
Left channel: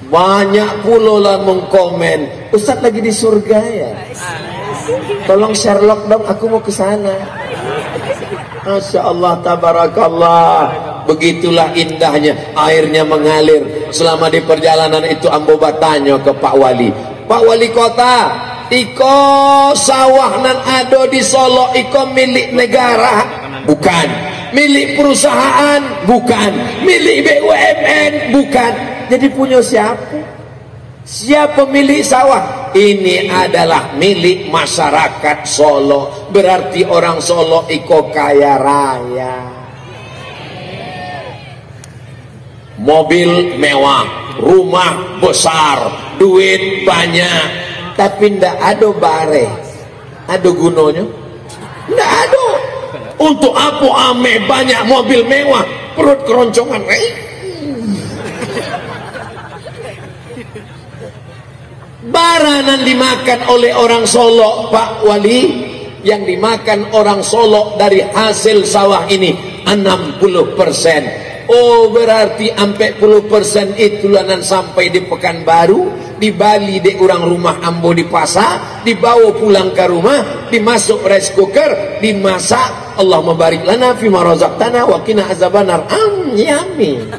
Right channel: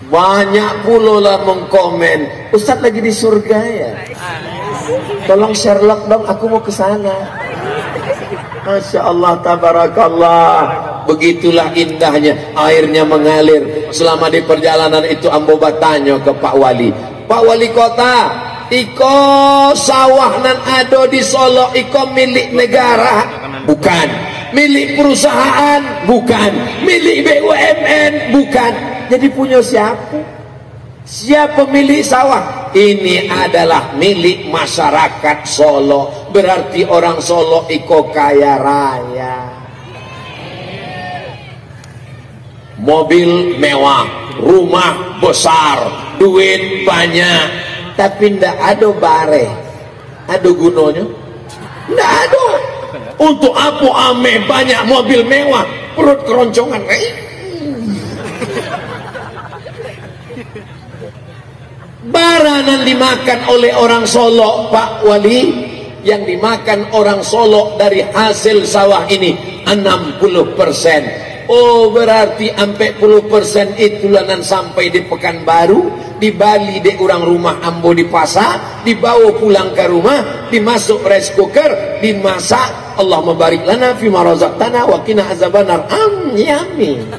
Banyak pula lah mengkomen, Ustadz lagi di surga ya, tolong Sherlock dong, aku mau ke sana. Masya Allah, tabarakallah. Begitulah indahnya airnya mengalir. Selama di perjalanan itu ambo bertanya ke Pak Wali, Pak Wali Kota, iko sawah nan ado di Solo iko milik negara? Bukan. Milik perusahaan? Bukan. Milik BUMN? Bukan. Jadi punya siapa? Siapa pemilik sawah? Ini adalah milik masyarakat Solo. Berarti orang Solo iko kaya raya. Mobil mewah, rumah besar, duit banyak, tapi ndak ada bare. Ada gunanya? Ndak ada. Untuk apa ame banyak mobil mewah, perut keroncongan? Baranan dimakan oleh orang Solo, Pak Wali, yang dimakan orang Solo dari hasil sawah ini 60%. Oh, berarti 40% itu lanan sampai di Pekanbaru, di Bali di orang rumah ambo di pasar, dibawa pulang ke rumah, dimasuk rice cooker, dimasak. Allah mabarik lana fima razaqtana wa qina azabannar. Amin.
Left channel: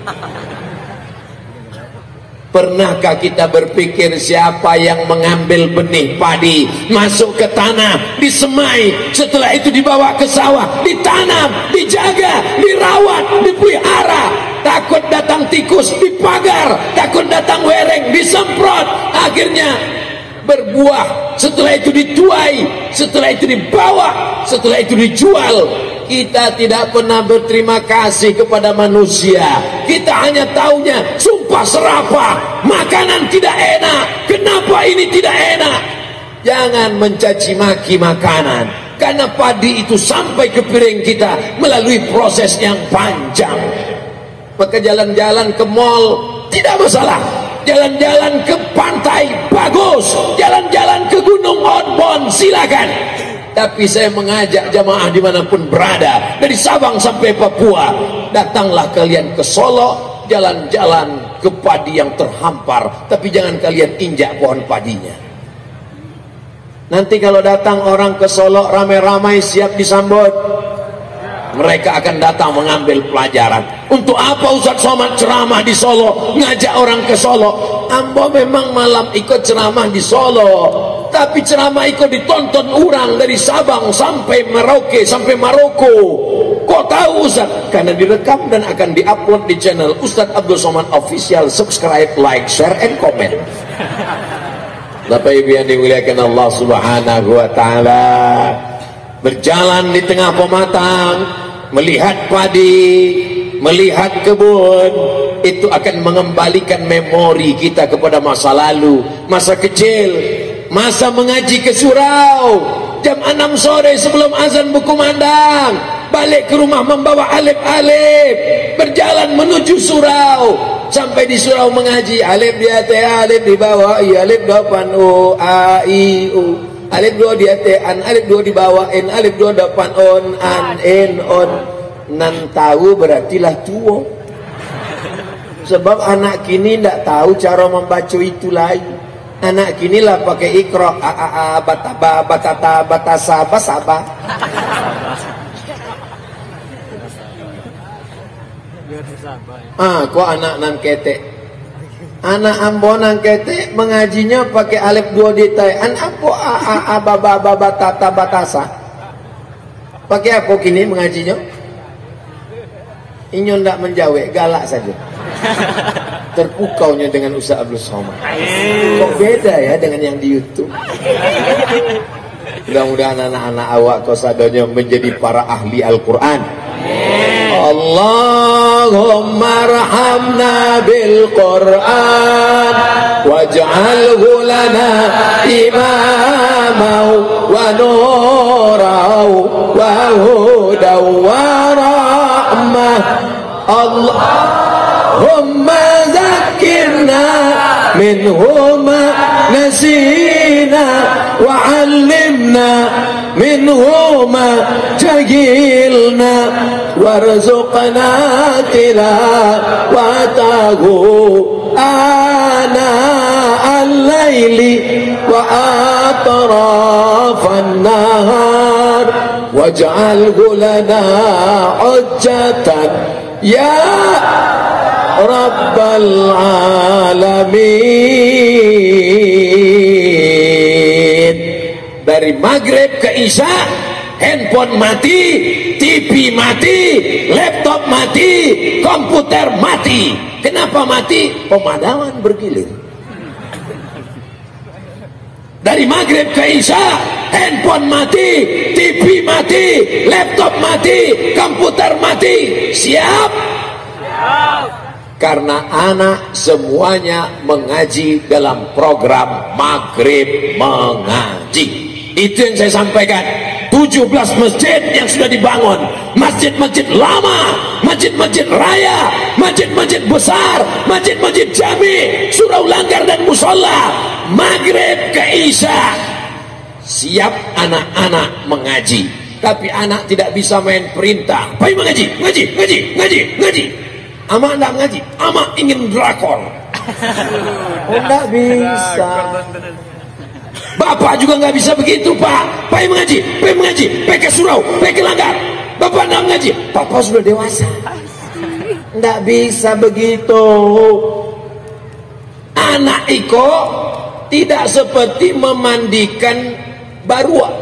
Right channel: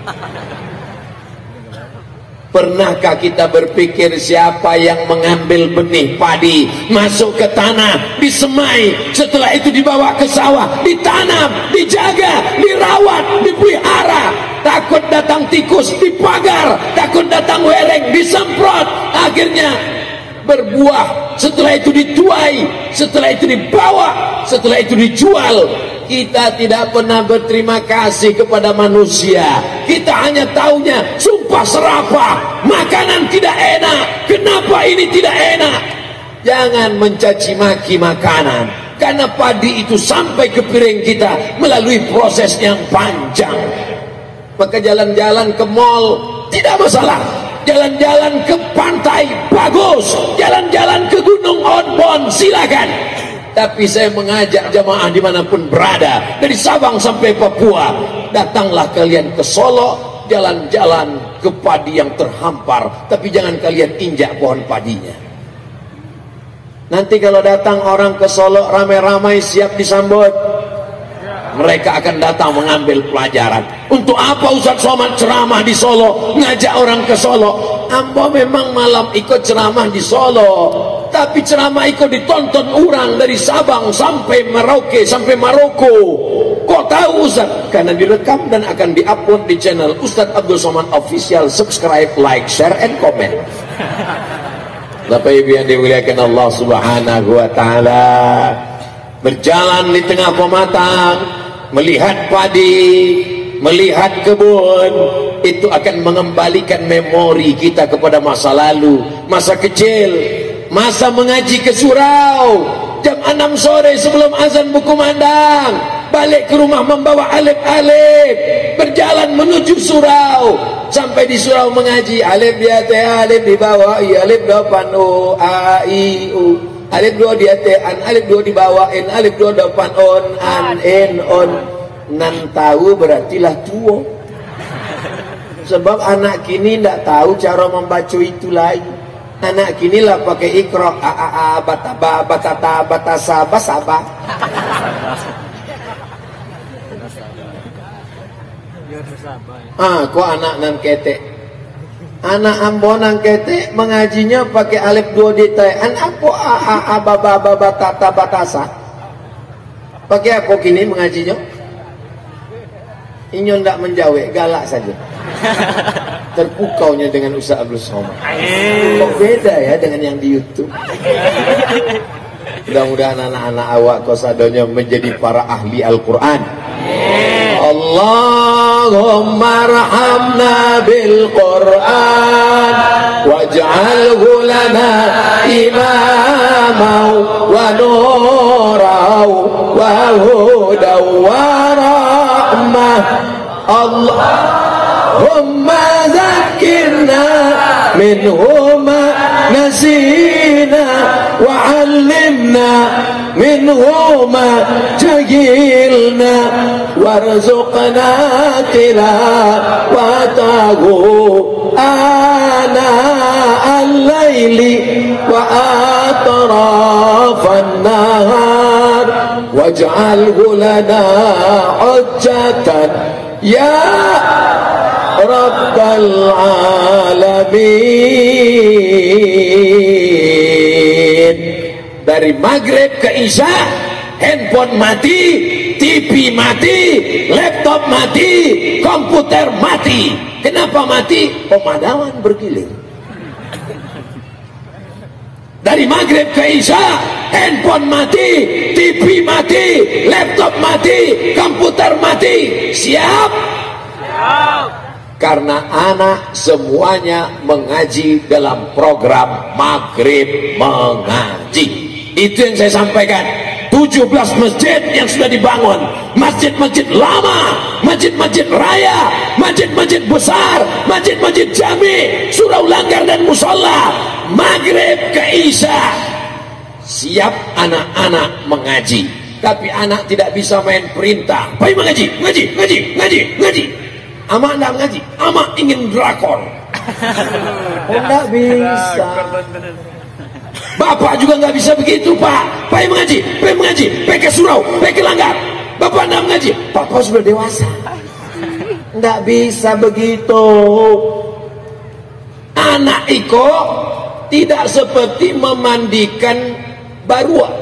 Pernahkah kita berpikir siapa yang mengambil benih padi, masuk ke tanah, disemai, setelah itu dibawa ke sawah, ditanam, dijaga, dirawat, dipelihara, takut datang tikus, dipagar, takut datang wereng, disemprot, akhirnya berbuah, setelah itu dituai, setelah itu dibawa, setelah itu dijual. Kita tidak pernah berterima kasih kepada manusia. Kita hanya taunya sumpah serapah, makanan tidak enak, kenapa ini tidak enak. Jangan mencaci maki makanan, karena padi itu sampai ke piring kita melalui proses yang panjang. Maka jalan-jalan ke mall tidak masalah, jalan-jalan ke pantai bagus, jalan-jalan ke Gunung Onbon silakan. Tapi saya mengajak jamaah dimanapun berada, dari Sabang sampai Papua, datanglah kalian ke Solo, jalan-jalan ke padi yang terhampar, tapi jangan kalian injak pohon padinya. Nanti kalau datang orang ke Solo ramai-ramai siap disambut, mereka akan datang mengambil pelajaran. Untuk apa Ustadz Somad ceramah di Solo, ngajak orang ke Solo? Ambo memang malam ikut ceramah di Solo, tapi ceramah ikut ditonton orang dari Sabang sampai Merauke sampai Maroko. Kok tahu Ustaz? Karena direkam dan akan diupload di channel Ustadz Abdul Somad Official. Subscribe, like, share, and comment. Bapak Ibu yang dimuliakan Allah Subhanahu wa Ta'ala, berjalan di tengah pematang, melihat padi, melihat kebun, itu akan mengembalikan memori kita kepada masa lalu, masa kecil, masa mengaji ke surau, jam 6 sore sebelum azan berkumandang, balik ke rumah membawa alif-alif, berjalan menuju surau, sampai di surau mengaji, alif di atas, alif di bawah, alif depan, o, a, i, u, alif 2 di atas, an, alif 2 di bawah, n, alif 2 depan, on, an, en, on. Nan tahu berarti lah tua. Sebab anak kini tidak tahu cara membaca itu lagi. Anak kini lah pakai ikra a bataba batata batasa basaba. Kok anak nan ketek. Anak ambo nan ketek mengajinya pakai alif 2 detail. An apa a baba batata batasa. Pakai apa kini mengajinya? Inyo ndak menjawab, galak saja. Terpukaunya dengan Ustaz Abdul Somad. Kok beda ya dengan yang di YouTube. Mudah-mudahan anak-anak awak kosadonya menjadi para ahli Al-Quran. Allahumma rahamna bil Quran waj'alhu lana imaman wa nuran wa hudan wa rahmah. Allahumma zakkirna minhu ma nasina wa 'allimna minhu ma jahilna warzuqna tilawatahu ana al-laili wa atrafan nahar waj'alhu lana hujjatan ya rabbal alamin. Dari maghrib ke isya handphone mati, TV mati, laptop mati, komputer mati. Kenapa mati? Pemadaman bergilir. Dari maghrib ke isya handphone mati, TV mati, laptop mati, komputer mati. Siap? Karena anak semuanya mengaji dalam program maghrib mengaji. Itu yang saya sampaikan. 17 masjid yang sudah dibangun, masjid-masjid lama, masjid-masjid raya, masjid-masjid besar, masjid-masjid jami, surau langgar dan musola, maghrib ke isya siap anak-anak mengaji. Tapi anak tidak bisa main perintah, baik mengaji, ngaji. Amak tidak mengaji, amak ingin drakor. Tidak bisa. Bapak juga nggak bisa begitu, Pak. Pai mengaji, pai ke surau, pai ke langgar. Bapak nggak mengaji, Bapak sudah dewasa. Nggak bisa begitu. Anak iko tidak seperti memandikan barua,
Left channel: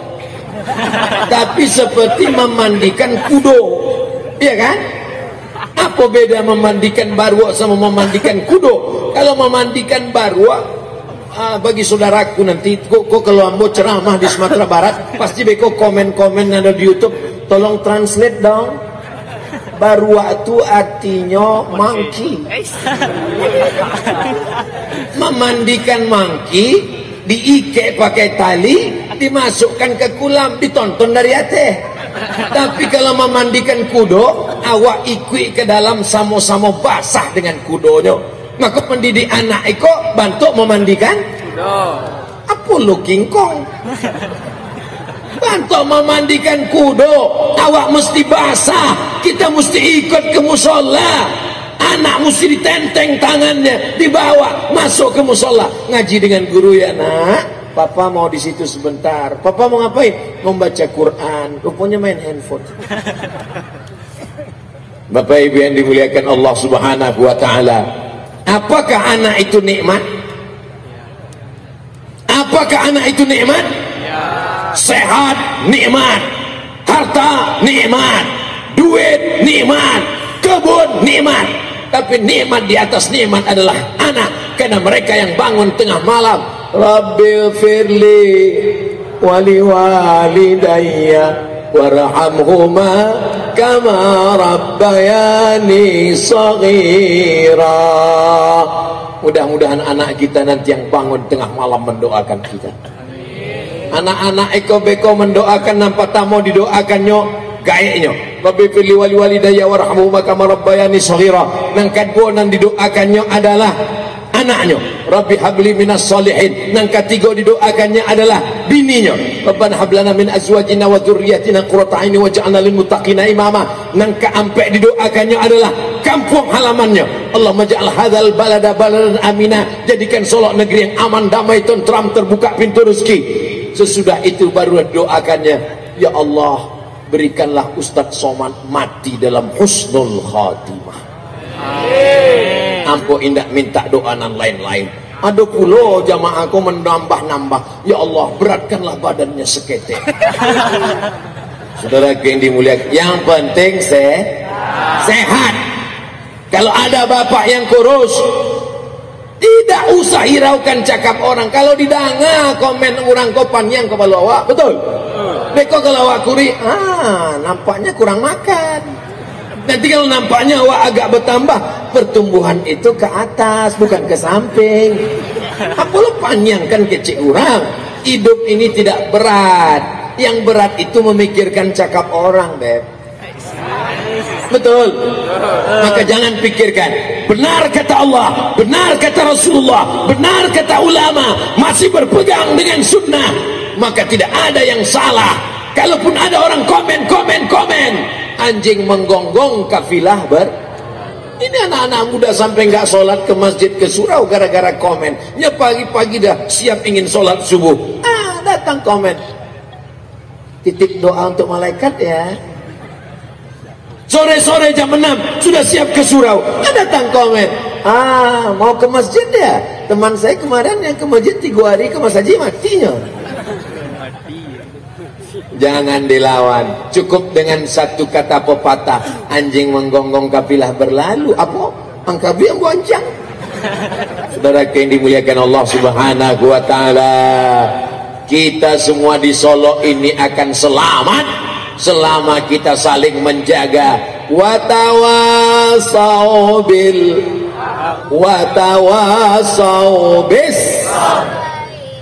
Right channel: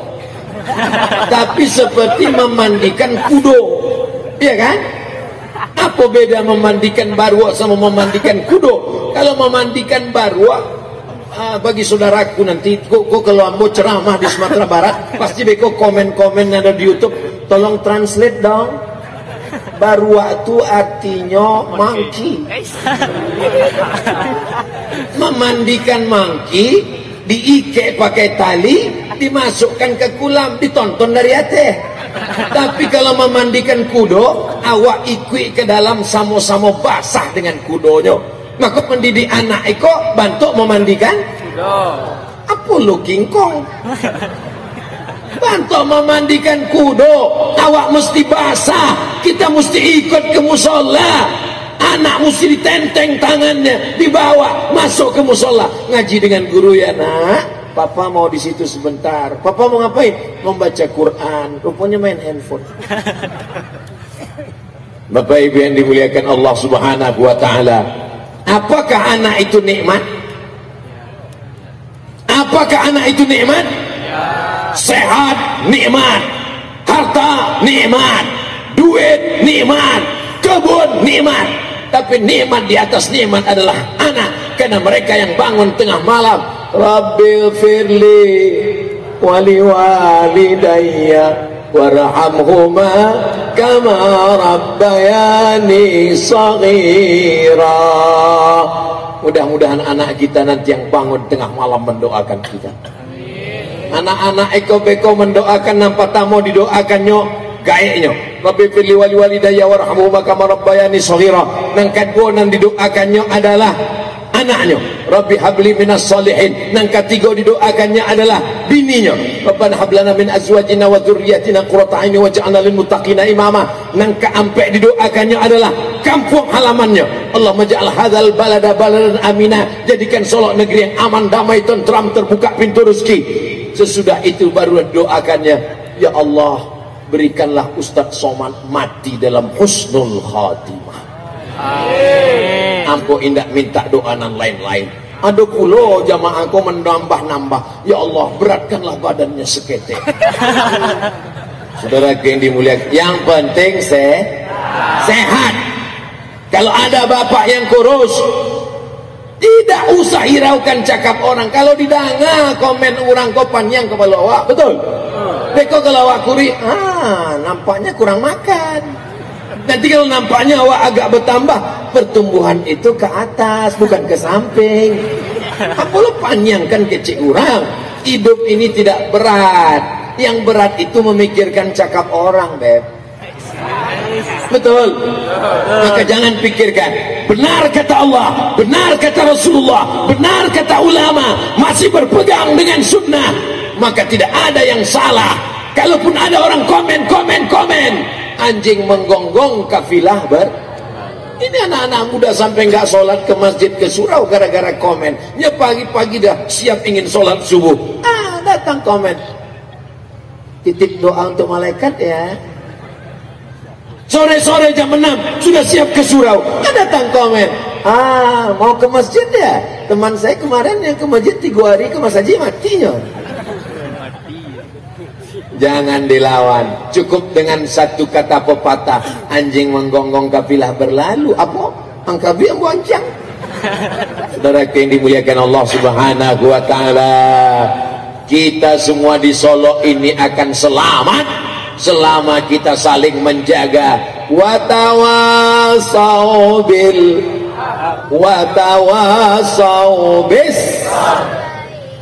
tapi seperti memandikan kudo, iya kan? Apa beda memandikan barua sama memandikan kudo? Kalau memandikan barua, bagi saudaraku nanti kok kalau ambo ceramah di Sumatera Barat pasti beko komen-komen ada di YouTube, tolong translate dong. Barua itu artinya monkey. Memandikan monkey diikat pakai tali, dimasukkan ke kolam, ditonton dari atas. Tapi kalau memandikan kudo, awak ikut ke dalam sama-sama basah dengan kudonya. Maka mendidik anak eko bantu memandikan kudo. Apa lu King Kong? Bantu memandikan kudo, awak mesti basah. Kita mesti ikut ke musola. Anak mesti ditenteng tangannya, dibawa masuk ke musola, ngaji dengan guru ya nak. Papa mau di situ sebentar. Papa mau ngapain? Membaca Quran. Rupanya main handphone. Bapak Ibu yang dimuliakan Allah Subhanahu wa taala. Apakah anak itu nikmat? Apakah anak itu nikmat? Sehat nikmat, harta nikmat, duit nikmat, kebun nikmat. Tapi nikmat di atas nikmat adalah anak, karena mereka yang bangun tengah malam, Rabbil firli wali walidayya warhamhuma kama rabbayani shaghira. Mudah-mudahan anak kita nanti yang bangun tengah malam mendoakan kita. Anak-anak eko-beko mendoakan, nampak tamu didoakannya gaeknya. Rabbi firli wali walidayya warhamhuma kama rabbayani shaghira. Nang kedua nan didoakannya adalah anaknya. Rabbi habli minas solihin. Nang ketiga didoakannya adalah bininya. Rabbana hablana min azwajina wa dzurriyyatina qurrata a'yun waj'alna lil muttaqina imama. Nang keempat didoakannya adalah kampung halamannya. Allah maj'al hadzal balada baladan amina, jadikan Solok negeri yang aman, damai, tentram, terbuka pintu rezeki. Sesudah itu baru doakannya, ya Allah, berikanlah Ustadz Somad mati dalam husnul khatimah. Ampo indak minta doa nan lain-lain. Ada pulau jamaahku menambah-nambah, ya Allah, beratkanlah badannya seketek. Saudara yang dimuliakan, yang penting sehat. Kalau ada bapak yang kurus, tidak usah hiraukan cakap orang. Kalau didanga komen orang kau panjang kepala awak, betul? Deko kalau awak kuri, nampaknya kurang makan. Nanti kalau nampaknya awak agak bertambah, pertumbuhan itu ke atas, bukan ke samping. Apalah panjang kan kecil orang. Hidup ini tidak berat. Yang berat itu memikirkan cakap orang, Beb. Betul. Maka jangan pikirkan. Benar kata Allah, benar kata Rasulullah, benar kata ulama, masih berpegang dengan sunnah, maka tidak ada yang salah. Kalaupun ada orang komen, anjing menggonggong kafilah ini anak-anak muda sampai nggak sholat ke masjid, ke surau gara-gara komen. Ya pagi-pagi dah siap ingin sholat subuh, datang komen, titip doa untuk malaikat ya. Sore-sore jam 6 sudah siap ke surau, ya datang komen, mau ke masjid ya. Teman saya kemarin yang ke masjid 3 hari ke Mas Haji matinya. Jangan dilawan. Cukup dengan satu kata pepatah, anjing menggonggong kafilah berlalu. Apa? Angkabi yang boncang. Saudara yang dimuliakan Allah Subhanahu wa taala, kita semua di Solo ini akan selamat selama kita saling menjaga. Watawasau bis.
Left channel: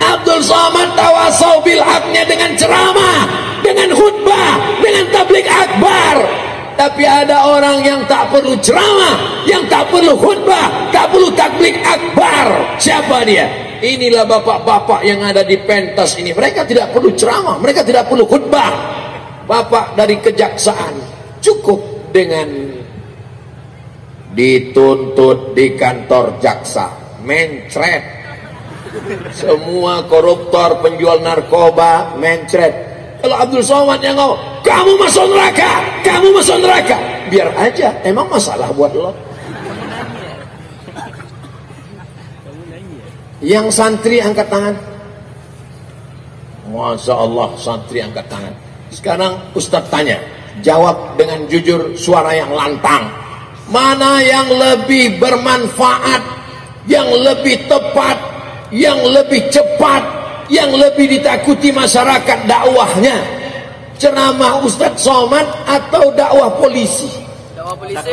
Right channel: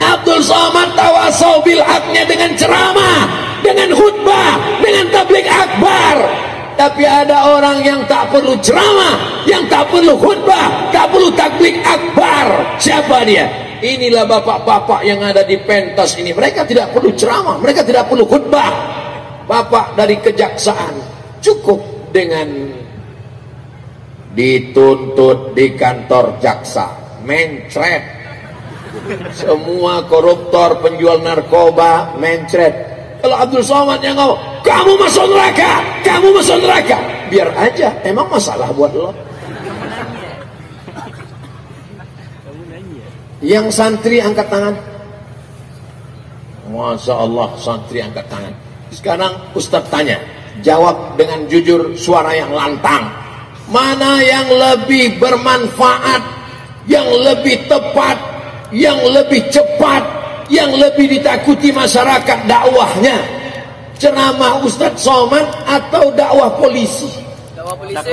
Abdul Somad tawasau bil haknya dengan ceramah, dengan khutbah, dengan tabligh akbar. Tapi ada orang yang tak perlu ceramah, yang tak perlu khutbah, tak perlu tabligh akbar. Siapa dia? Inilah bapak-bapak yang ada di pentas ini. Mereka tidak perlu ceramah, mereka tidak perlu khutbah. Bapak dari kejaksaan cukup dengan dituntut di kantor jaksa, mencret. Semua koruptor, penjual narkoba, mencret. Kalau Abdul Somad yang ngomong, kamu masuk neraka, kamu masuk neraka, biar aja, emang masalah buat lo. Yang santri angkat tangan. Masya Allah, santri angkat tangan. Sekarang Ustadz tanya, jawab dengan jujur, suara yang lantang. Mana yang lebih bermanfaat, yang lebih tepat, yang lebih cepat, yang lebih ditakuti masyarakat dakwahnya? Ceramah Ustadz Somad atau dakwah polisi? Dakwah polisi.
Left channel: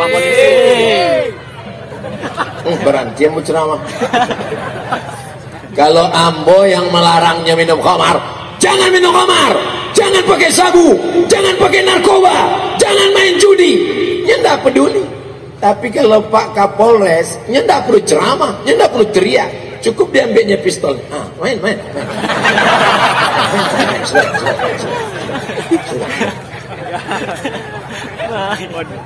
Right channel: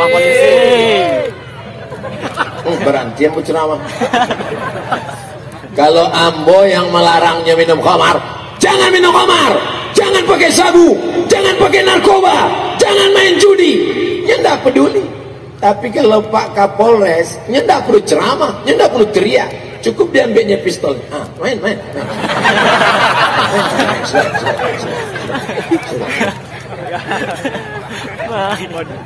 Berhenti yang berceramah. Kalau ambo yang melarangnya minum khamar, jangan minum khamar, jangan pakai sabu, jangan pakai narkoba, jangan main judi, ya enggak peduli. Tapi kalau Pak Kapolres, ya enggak perlu ceramah, ya enggak perlu teriak, cukup diambilnya pistol. Main.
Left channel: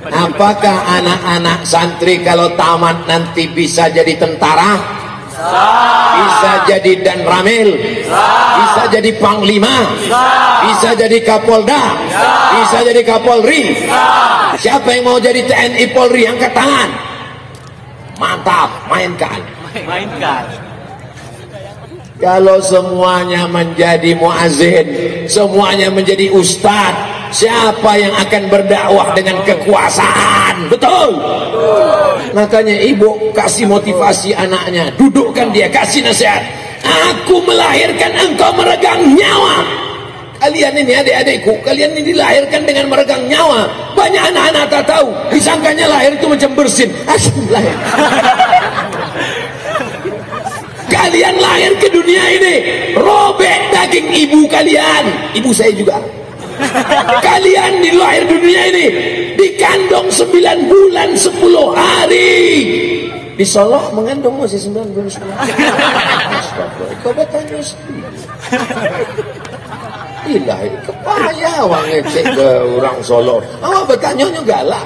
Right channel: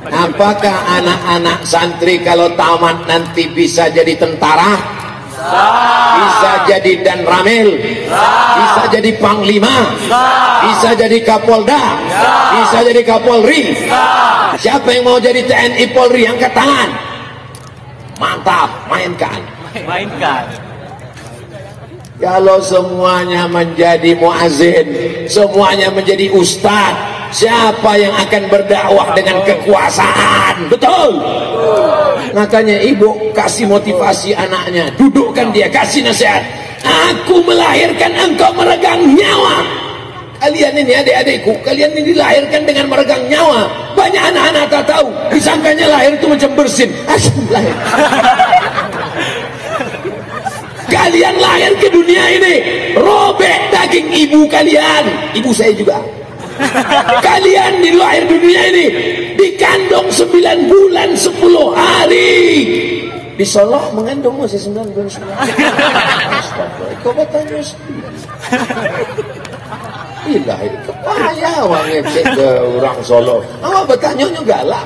Apakah anak-anak santri kalau tamat nanti bisa jadi tentara? Bisa jadi Danramil, bisa jadi Panglima, bisa jadi Kapolda, bisa jadi Kapolri. Siapa yang mau jadi TNI Polri angkat tangan. Mantap, mainkan. Kalau semuanya menjadi muazin, semuanya menjadi ustaz, siapa yang akan berdakwah dengan kekuasaan? Betul. Makanya ibu kasih motivasi anaknya, dudukkan dia, kasih nasihat. Aku melahirkan engkau meregang nyawa. Kalian ini adik-adikku, kalian ini dilahirkan dengan meregang nyawa. Banyak anak-anak tak tahu, disangkanya lahir itu macam bersin. Alhamdulillah. Kalian lahir ke dunia ini, robek daging ibu kalian, ibu saya juga. Kalian dilahir dunia ini dikandung 9 bulan 10 hari. Di Solo mengandung masih 9 bulan 10 hari. Kau bertanya sendiri. Ilah itu payah wang ngecek ke orang Solo. Awak bertanya juga lah.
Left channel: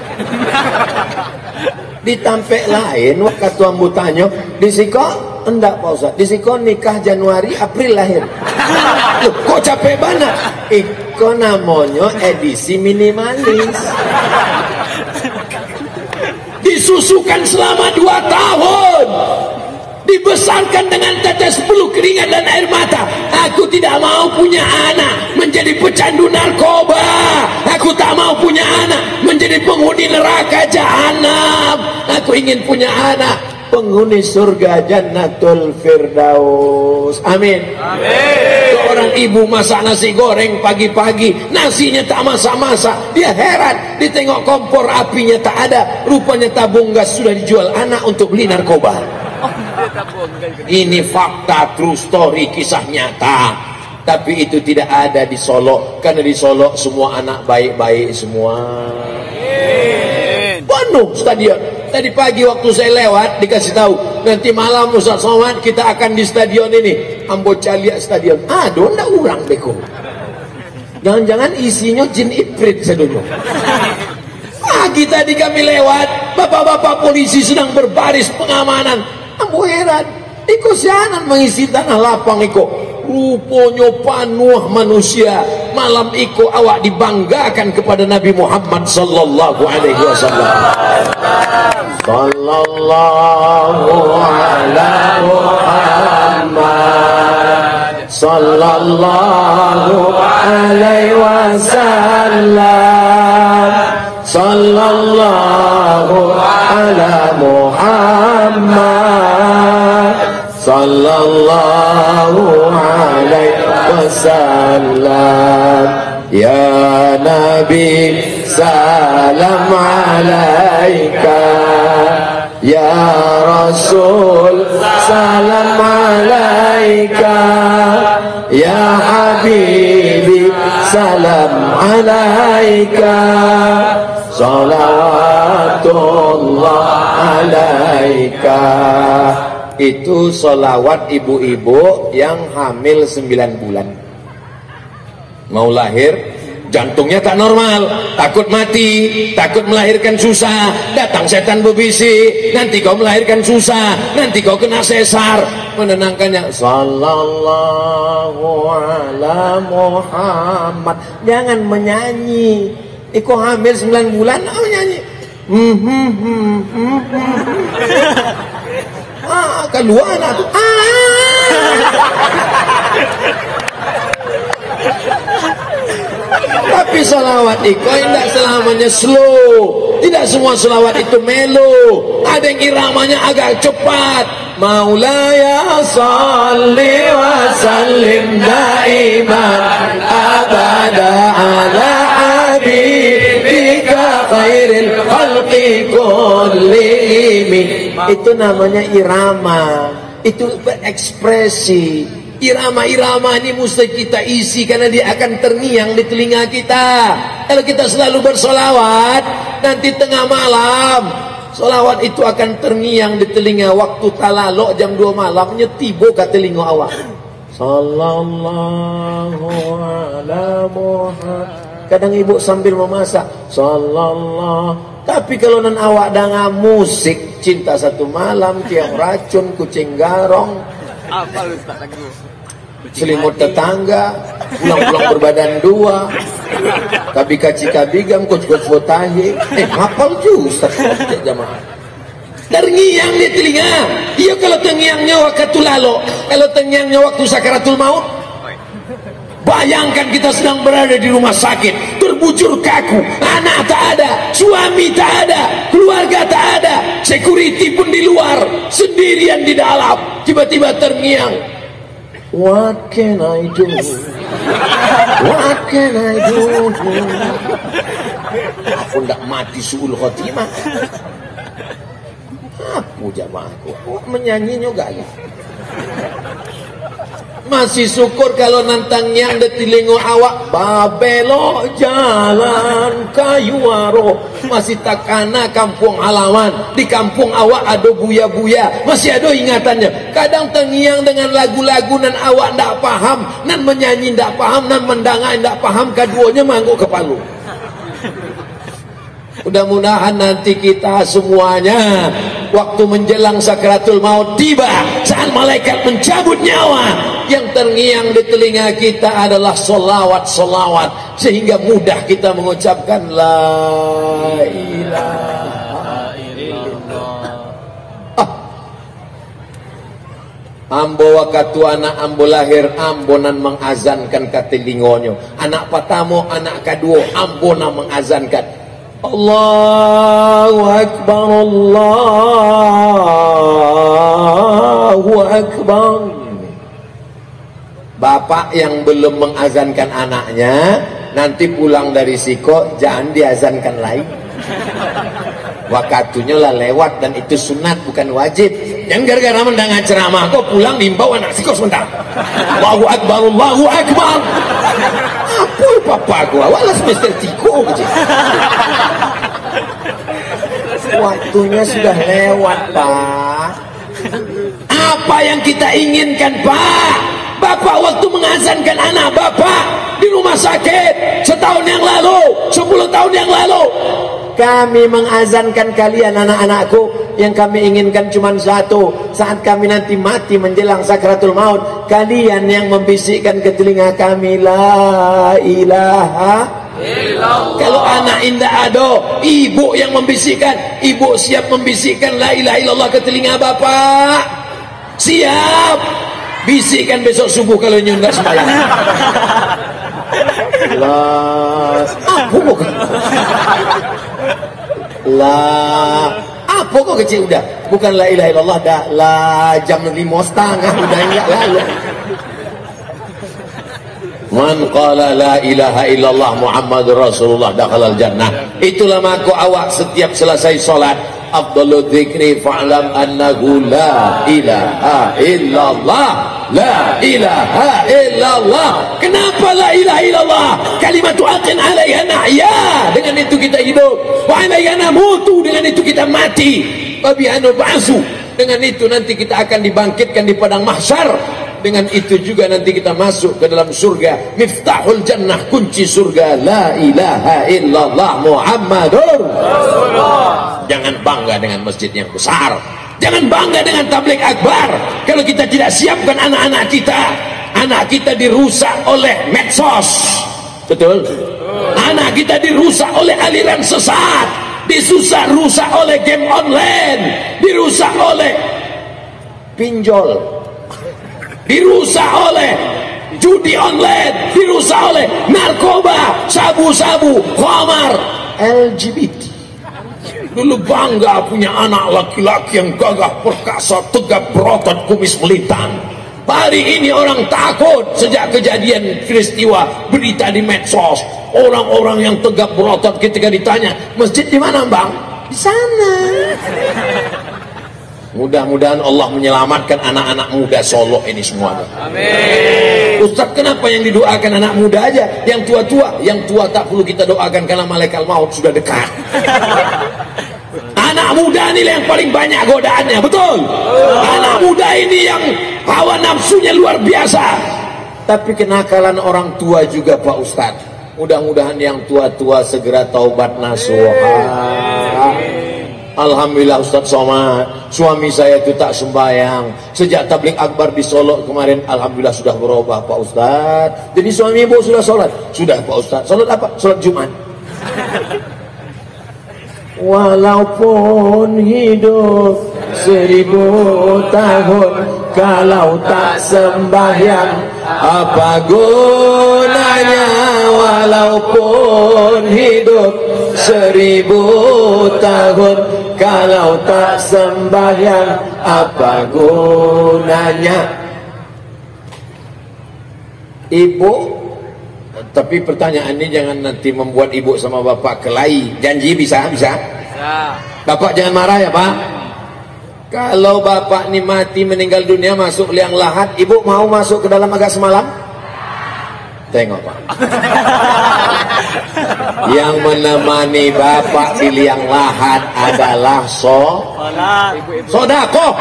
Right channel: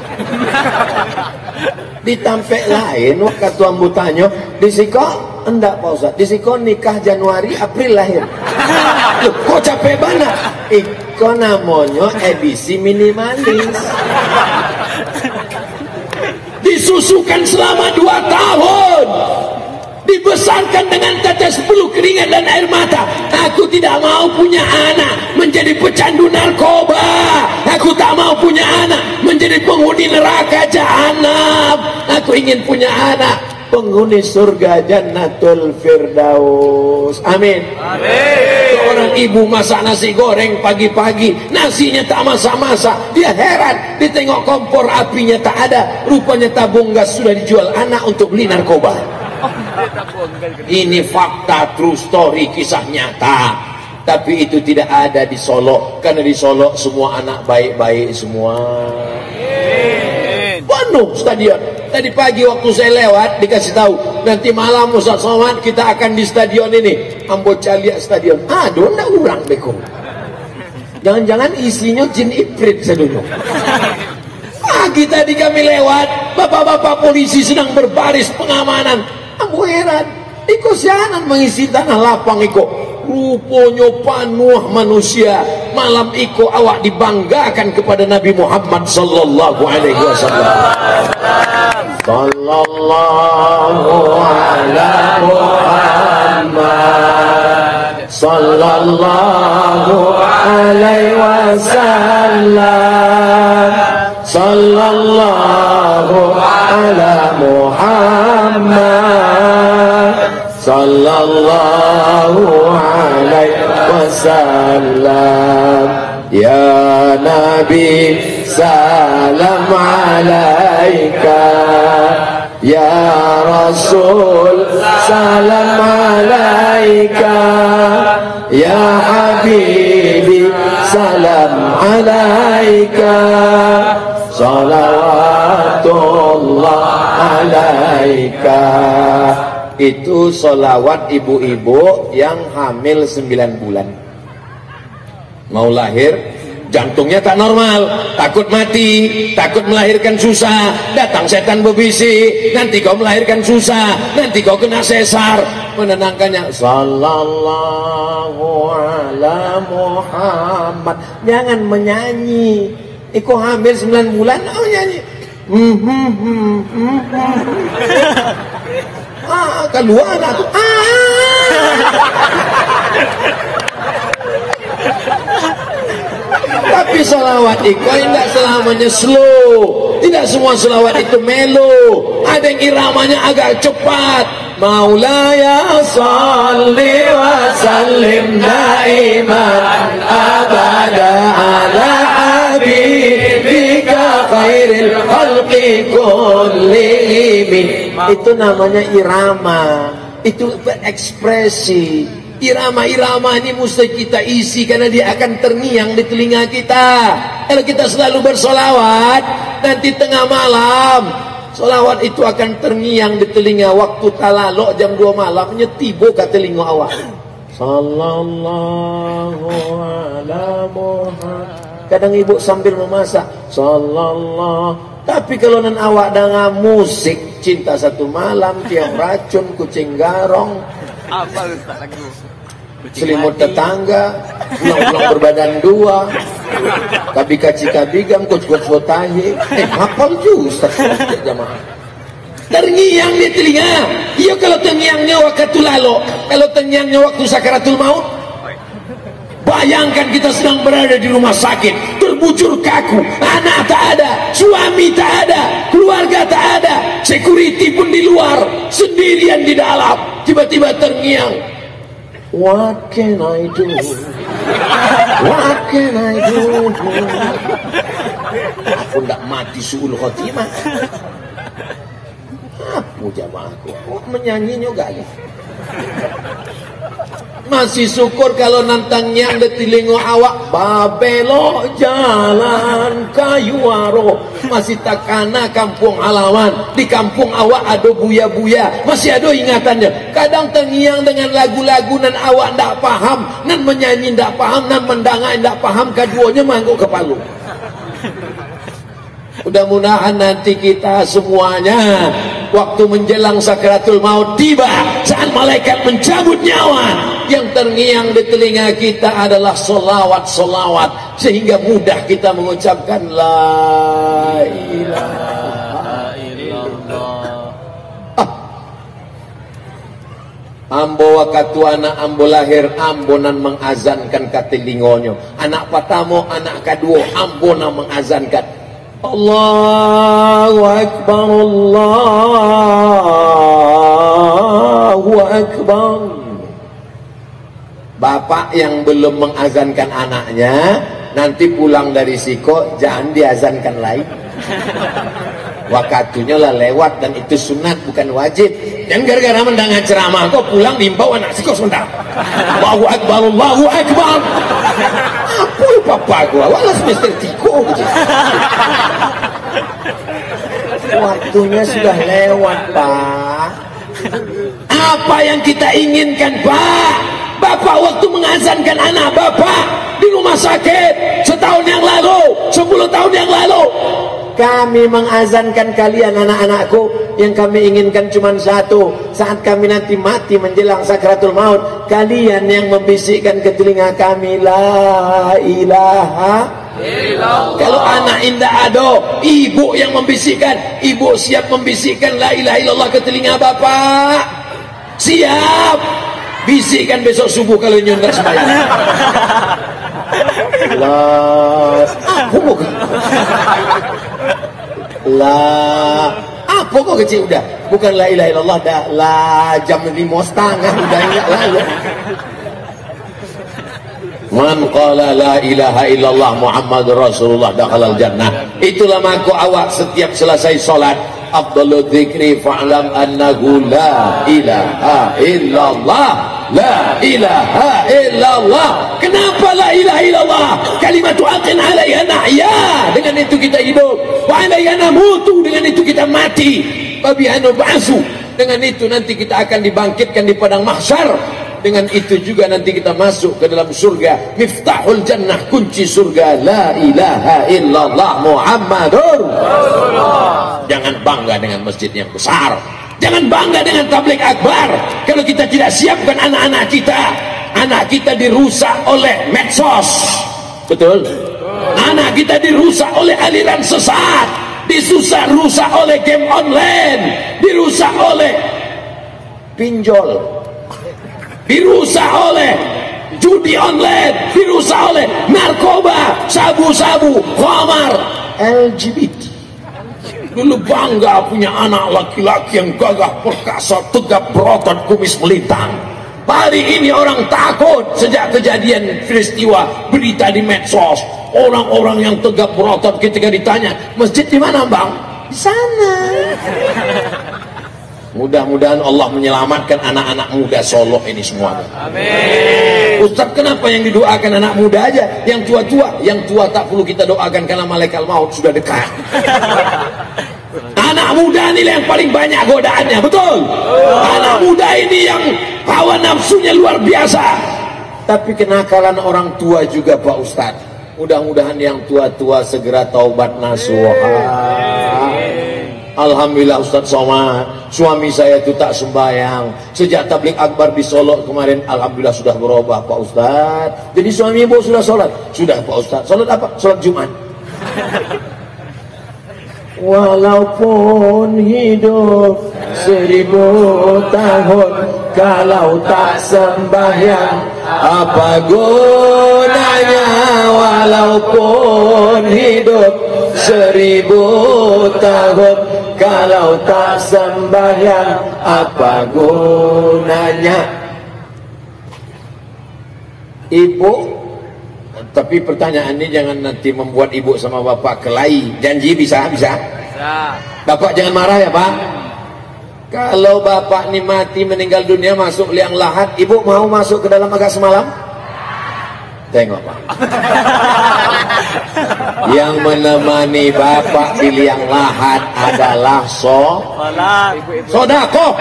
Ditampek lain waktu ambu tanya, disiko enggak Pak Ustaz, disiko nikah Januari April lahir. Loh, kok capek banget? Iko namanya edisi minimalis. Disusukan selama 2 tahun, dibesarkan dengan tetes bulu keringat dan air mata. Aku tidak mau punya anak menjadi pecandu narkoba. Aku tak mau punya anak menjadi penghuni neraka jahanam. Aku ingin punya anak penghuni surga Jannatul Firdaus. Amin. Amin. Seorang ibu masak nasi goreng pagi-pagi, nasinya tak masak-masak. Dia heran, ditengok kompor apinya tak ada. Rupanya tabung gas sudah dijual anak untuk beli narkoba. Ini fakta, true story, kisah nyata. Tapi itu tidak ada di Solo, karena di Solo semua anak baik-baik semua. Penuh stadion. Tadi pagi waktu saya lewat dikasih tahu, nanti malam Ustaz Somad kita akan di stadion ini, Ambo Calia Stadion. Aduh, ndak urang beko. Jangan-jangan isinya jin ifrit sedunia. Pagi tadi kami lewat, bapak-bapak polisi sedang berbaris pengamanan. Ambo heran, iko sianan mengisi tanah lapang iko. Rupanya panuh manusia. Malam iko awak dibanggakan kepada Nabi Muhammad sallallahu alaihi wasallam. Sallallahu ala Muhammad sallallahu alaihi wasallam. Sallallahu ala Muhammad sallallahu alaihi wasallam. Ya Nabi salam alaika, ya Rasul salam alaika, ya Habibi salam alaika, salawatullah alaika. Itu solawat ibu-ibu yang hamil 9 bulan. Mau lahir, jantungnya tak normal, takut mati, takut melahirkan susah. Datang setan berbisik, nanti kau melahirkan susah, nanti kau kena sesar. Menenangkannya, sallallahu ala Muhammad. Jangan menyanyi. Iko hamil 9 bulan, mau nyanyi. Keluar anak tuh. Tapi salawat itu tidak selamanya slow. Tidak semua salawat itu melo. Ada yang iramanya agak cepat. Maulaya salli wa sallim daiman abada ala habibika khairil khalqi kullihim. Itu namanya irama. Itu berekspresi. Irama-irama ini mesti kita isi karena dia akan terngiang di telinga kita. Kalau kita selalu bersolawat, nanti tengah malam solawat itu akan terngiang di telinga. Waktu talalok jam 2 malam nyetibo ke telinga awak. Sallallahu ala Muhammad. Kadang ibu sambil memasak, sallallahu. Tapi kalau nan awak dengan musik, cinta satu malam, tiang racun, kucing garong. Apa Ustaz lagu? Selimut tetangga, pulang-pulang berbadan 2. Tapi kaci-kabigam, kuc-kuc botahi. Hafal tuh Ustaz jamaah. Terngiang di telinga. Iya kalau terngiangnya waktu lalo, kalau terngiangnya waktu sakaratul maut. Bayangkan kita sedang berada di rumah sakit, terbujur kaku, anak tak ada, suami tak ada, keluarga tak ada, security pun di luar, sendirian di dalam, tiba-tiba terngiang. What can I do? What can I do? Aku tidak mati suul khotimah. Apa jamaahku? Menyanyi juga ya. Masih syukur kalau nantang yang di telingo awak babelo jalan kayuaro. Masih takana kampung halaman. Di kampung awak ada buya-buya. Masih ada ingatannya. Kadang terngiang dengan lagu-lagu nan awak ndak paham, nan menyanyi ndak paham, nan mendangai ndak paham, keduanya mangguk ke Palu. Mudah-mudahan nanti kita semuanya waktu menjelang sakratul maut tiba, saat malaikat mencabut nyawa, yang terngiang di telinga kita adalah solawat-solawat, sehingga mudah kita mengucapkan la ilaha illallah. Ambo wakatu anak ambo lahir, ambonan mengazankan katilingonyo. Anak pertama, anak kedua, ambonan mengazankan. Allahu Akbar, Allahu Akbar. Bapak yang belum mengazankan anaknya, nanti pulang dari siko jangan diazankan lagi. Waktunya lah lewat dan itu sunat bukan wajib. Yang gara-gara mendengar ceramah kok pulang nimbau anak siko sebentar. Allahu Akbar, Allahu Akbar. Apa papa gua? Walas Mister Tiko. Waktunya sudah lewat, Pak. Apa yang kita inginkan, Pak? Bapak waktu mengazankan anak Bapak di rumah sakit setahun yang lalu, 10 tahun yang lalu. Kami mengazankan kalian anak-anakku, yang kami inginkan cuma satu. Saat kami nanti mati menjelang sakratul maut, kalian yang membisikkan ke telinga kami la ilaha illallah. Kalau anak indah ada, ibu yang membisikkan, ibu siap membisikkan la ilaha illallah ke telinga bapak. Siap. Bisikkan besok subuh kalau nyundak semalam. Apa kok kecil udah? Bukan la ilaha illallah, dah la jam 5:30 udah enggak lalu. Man qala la ilaha illallah Muhammadur Rasulullah dakhalal jannah. Itulah maka awak setiap selesai salat, afdalul dzikri fa'lam annahu la ilaha illallah. La ilaha illallah. Kenapa la ilaha illallah? Kalimatu aqin alaiha nahya. Dengan itu kita hidup. Wa alaiha namutu. Dengan itu kita mati. Wa biha nub'atsu. Dengan itu nanti kita akan dibangkitkan di padang mahsyar. Dengan itu juga nanti kita masuk ke dalam surga. Miftahul jannah, kunci surga. La ilaha illallah Muhammadur Rasulullah. Jangan bangga dengan masjid yang besar. Jangan bangga dengan tabligh akbar kalau kita tidak siapkan anak-anak kita. Anak kita dirusak oleh medsos. Betul? Anak kita dirusak oleh aliran sesat. Rusak oleh game online. Dirusak oleh pinjol. Dirusak oleh judi online. Dirusak oleh narkoba, sabu-sabu, khamar, LGBT. Dulu bangga punya anak laki-laki yang gagah perkasa, tegap berotot, kumis melintang. Hari ini orang takut sejak kejadian peristiwa berita di medsos. Orang-orang yang tegap berotot ketika ditanya, masjid di mana bang? Di sana. Mudah-mudahan Allah menyelamatkan anak-anak muda Solo ini semuanya. Amin. Ustaz, kenapa yang didoakan anak muda aja? Yang tua-tua? Yang tua tak perlu kita doakan karena malaikat maut sudah dekat. Anak muda ini yang paling banyak godaannya, betul? Anak muda ini yang hawa nafsunya luar biasa. Tapi kenakalan orang tua juga Pak Ustaz. Mudah-mudahan yang tua-tua segera taubat nasuha. Alhamdulillah Ustaz Somad, suami saya itu tak sembahyang. Sejak tabligh akbar di Solo kemarin, alhamdulillah sudah berubah Pak Ustaz. Jadi suami ibu sudah sholat? Sudah Pak Ustaz. Sholat apa? Sholat Jumat. Walaupun hidup 1000 tahun, kalau tak sembahyang apa gunanya? Walaupun hidup 1000 tahun, kalau tak sembahyang apa gunanya? Ibu, tapi pertanyaan ini jangan nanti membuat ibu sama bapak kelahi. Janji bisa? Bisa. Bapak jangan marah ya Pak. Kalau bapak ini mati meninggal dunia masuk liang lahat, ibu mau masuk ke dalam agak semalam? Tengok Pak. Yang menemani bapak di liang lahat adalah sodako.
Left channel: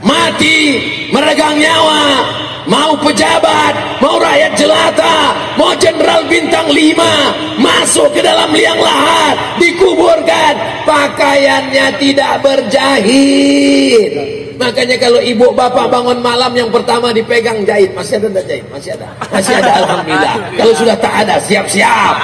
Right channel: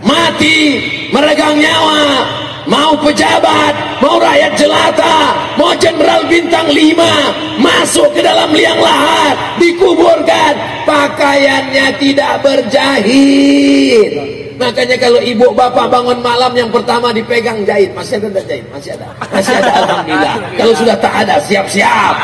Mati meregang nyawa mau pejabat, mau rakyat jelata, mau jenderal bintang 5 masuk ke dalam liang lahat, dikuburkan, pakaiannya tidak berjahit. Makanya kalau ibu bapak bangun malam yang pertama dipegang jahit. Masih ada enggak jahit? Masih ada. Masih ada, alhamdulillah. Kalau sudah tak ada, siap-siap.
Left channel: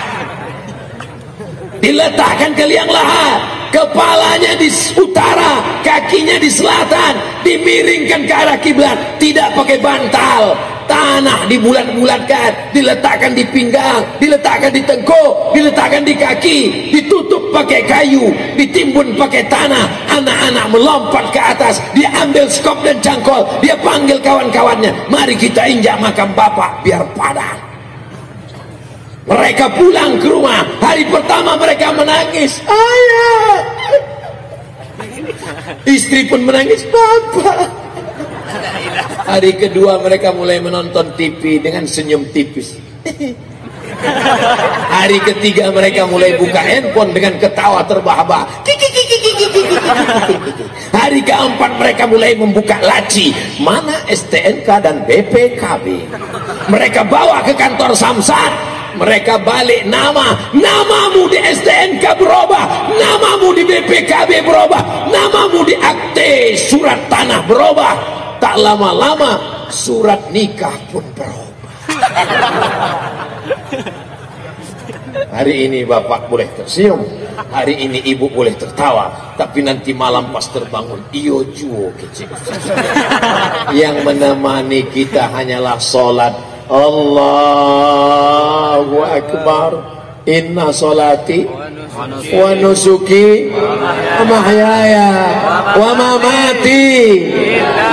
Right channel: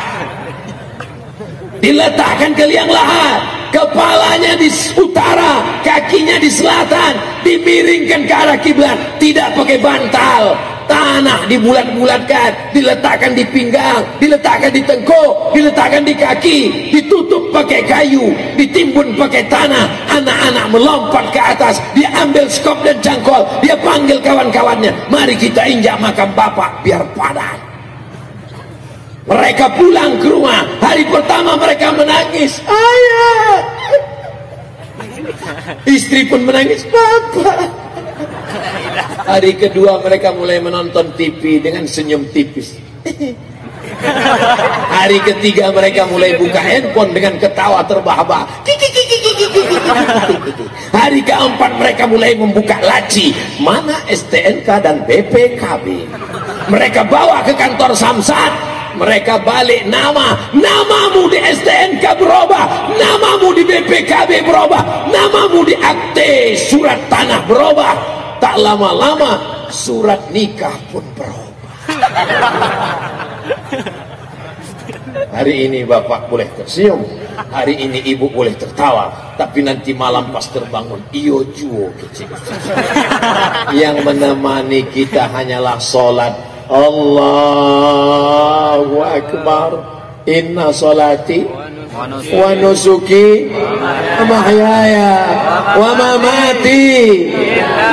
Diletakkan ke liang lahat, kepalanya di utara, kakinya di selatan, dimiringkan ke arah kiblat, tidak pakai bantal. Tanah dibulat-bulatkan, diletakkan di pinggang, diletakkan di tengkuk, diletakkan di kaki, ditutup pakai kayu, ditimbun pakai tanah. Anak-anak melompat ke atas, dia ambil skop dan cangkol, dia panggil kawan-kawannya, mari kita injak makam bapak biar padat. Mereka pulang ke rumah, hari pertama mereka menangis, ayah. Istri pun menangis, bapak. Hari kedua mereka mulai menonton TV dengan senyum tipis. Hari ketiga mereka mulai buka handphone dengan ketawa terbahak-bahak. Hari keempat mereka mulai membuka laci, mana STNK dan BPKB. Mereka bawa ke kantor Samsat. Mereka balik namamu di STNK berubah, namamu di BPKB berubah, namamu di akte surat tanah berubah. Tak lama-lama surat nikah pun berubah. Hari ini bapak boleh tersenyum, hari ini ibu boleh tertawa, tapi nanti malam pas terbangun iyo juo kecil. Yang menemani kita hanyalah sholat. Allahu Akbar. Inna sholati wa nusuki wa mahyaya wa mamati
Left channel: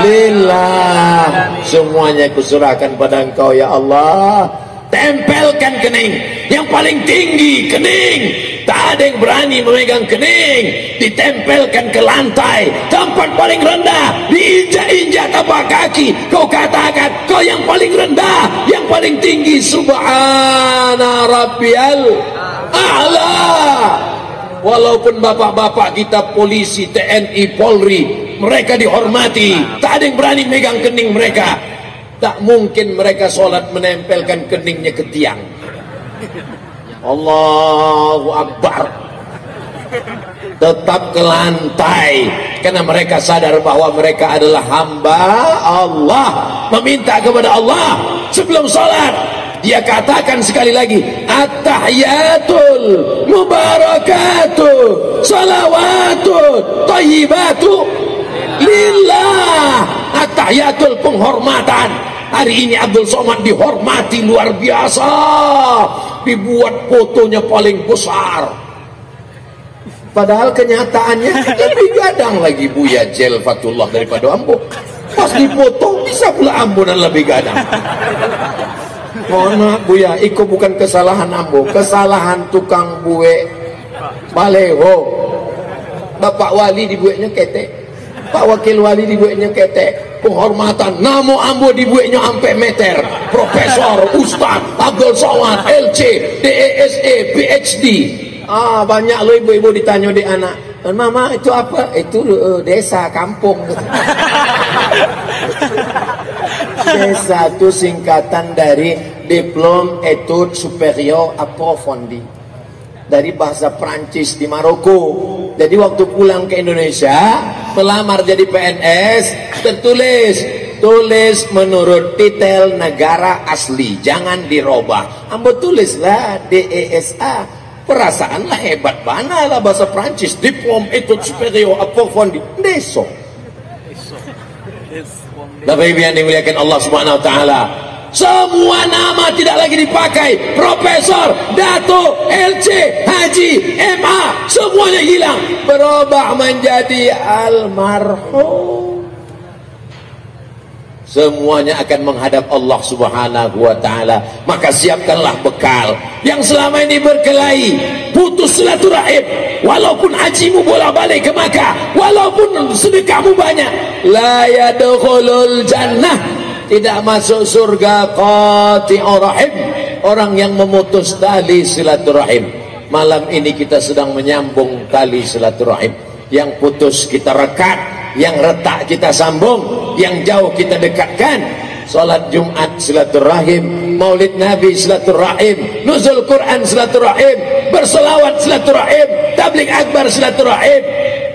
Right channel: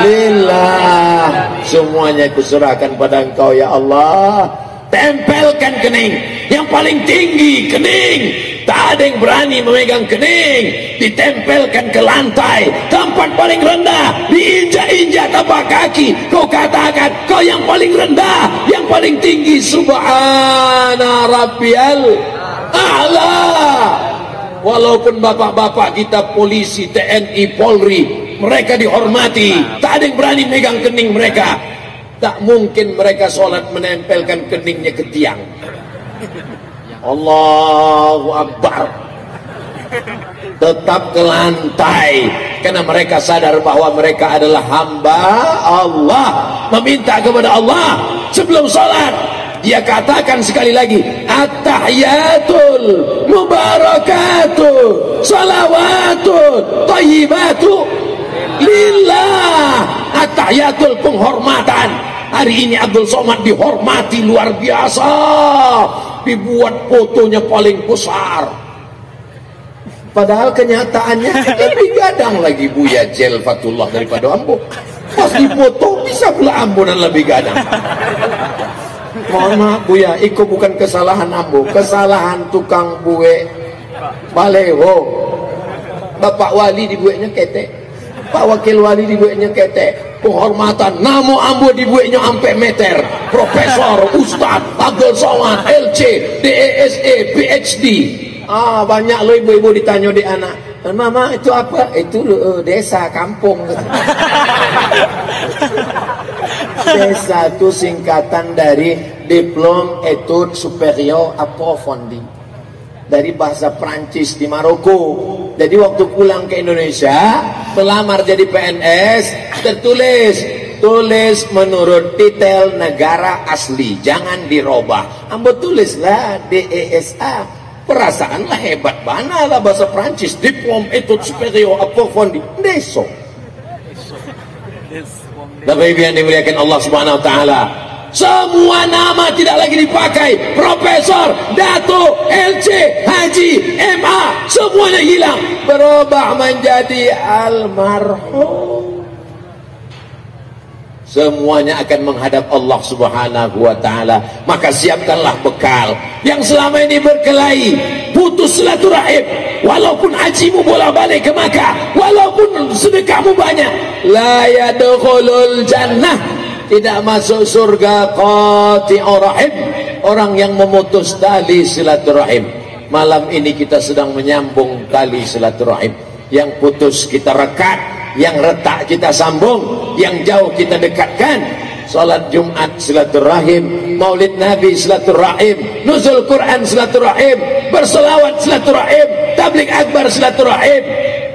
lillah. Semuanya kuserahkan pada Engkau ya Allah. Tempelkan kening yang paling tinggi, kening. Tak ada yang berani memegang kening. Ditempelkan ke lantai, tempat paling rendah, diinjak-injak tapak kaki. Kau katakan kau yang paling rendah, yang paling tinggi. Subhana rabbiyal a'la. Walaupun bapak-bapak kita polisi, TNI, Polri, mereka dihormati, tak ada yang berani megang kening mereka. Tak mungkin mereka sholat menempelkan keningnya ke tiang. Allahu Akbar. Tetap ke lantai, karena mereka sadar bahwa mereka adalah hamba Allah, meminta kepada Allah sebelum sholat. Dia katakan sekali lagi, at-tahiyatul mubarakatuh salawatun thayyibatu lillah. At-tahiyatul penghormatan. Hari ini Abdul Somad dihormati luar biasa, dibuat fotonya paling besar. Padahal kenyataannya lebih gadang lagi Buya Jel Fatullah daripada Ambo. Pas dipoto bisa pula Ambo dan lebih gadang. Mohon maaf Buya, itu bukan kesalahan Ambo, kesalahan tukang buwe baleho. Bapak wali dibuatnya ketek, Pak wakil wali dibuatnya ketek. Penghormatan namo Ambo dibuatnya sampai meter. Profesor, Ustaz, Abdul Somad, LC, DESE, PhD. Banyak loh ibu-ibu ditanya di anak, mama itu apa? Itu desa, kampung. Desa itu singkatan dari Diplôme Études Supérieures Approfondies, dari bahasa Prancis di Maroko. Jadi waktu pulang ke Indonesia melamar jadi PNS, tertulis tulis menurut titel negara asli, jangan dirubah. Ambo tulislah DESA. Perasaanlah hebat mana lah bahasa Prancis, Diplôme Études Supérieures Approfondies, deso. Bapak Ibu yang dimuliakan Allah Subhanahu wa taala, semua nama tidak lagi dipakai. Profesor, Dato, LC, Haji, MA, semuanya hilang, berubah menjadi almarhum. Semuanya akan menghadap Allah Subhanahu wa taala. Maka siapkanlah bekal. Yang selama ini berkelahi, putus silaturahim, walaupun hajimu bolak-balik ke Makkah, walaupun sedekahmu banyak, la yadkhulul jannah, tidak masuk surga qati'ur rahim, orang yang memutus tali silaturahim. Malam ini kita sedang menyambung tali silaturahim. Yang putus kita rekat, yang retak kita sambung, yang jauh kita dekatkan. salat Jumat silaturahim, maulid Nabi silaturahim, nuzul Quran silaturahim, berselawat silaturahim, tabligh akbar silaturahim.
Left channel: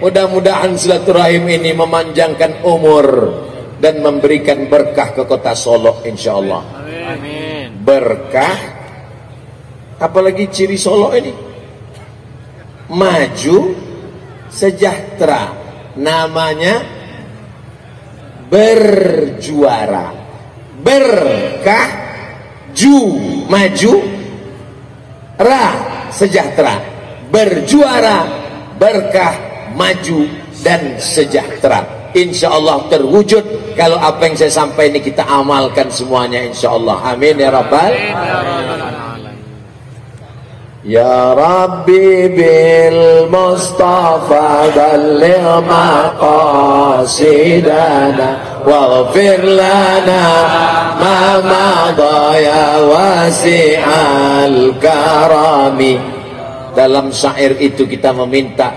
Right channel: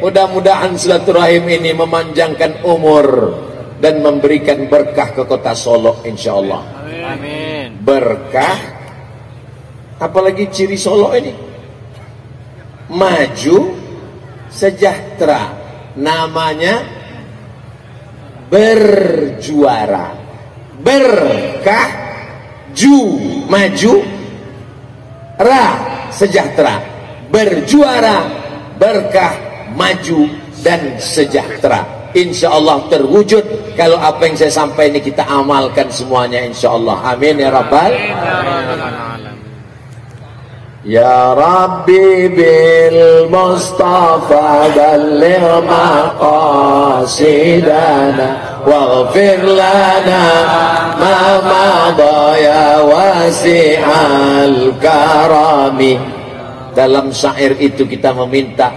Mudah-mudahan silaturahim ini memanjangkan umur dan memberikan berkah ke kota Solo insyaallah. Amin. Berkah, apalagi ciri Solo ini maju, sejahtera, namanya berjuara. Berkah, maju, ra, sejahtera, berjuara, berkah, maju dan sejahtera. Insya Allah terwujud kalau apa yang saya sampaikan ini kita amalkan semuanya insya Allah. Amin ya Rabbal. Ya Rabbi bil Mustafa balligh maqasidana waghfir lana ma madha ya wasi'al karami. Dalam syair itu kita meminta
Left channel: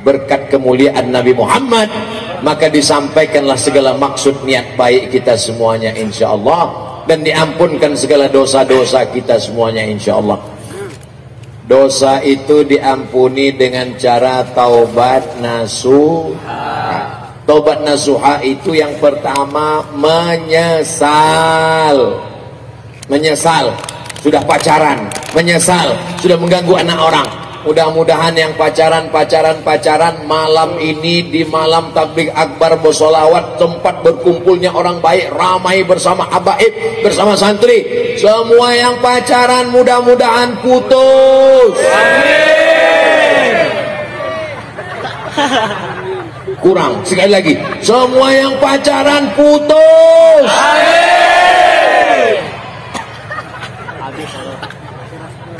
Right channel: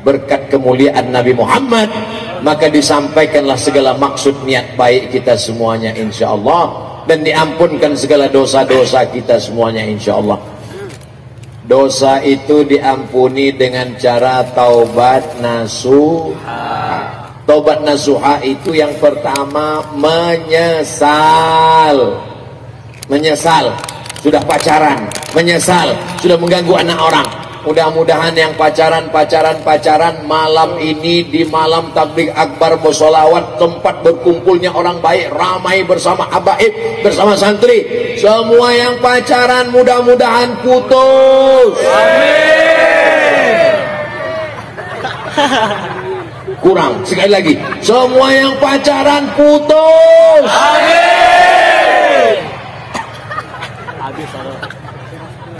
berkat kemuliaan Nabi Muhammad, maka disampaikanlah segala maksud niat baik kita semuanya insya Allah, dan diampunkan segala dosa-dosa kita semuanya insya Allah. Dosa itu diampuni dengan cara taubat nasuha. Taubat nasuha itu yang pertama menyesal. Menyesal sudah pacaran, menyesal sudah mengganggu anak orang. Mudah-mudahan yang pacaran malam ini di malam tabligh akbar bersolawat, tempat berkumpulnya orang baik, ramai bersama habaib, bersama santri. Semua yang pacaran mudah-mudahan putus. Amin. Kurang sekali lagi, semua yang pacaran putus. Amin.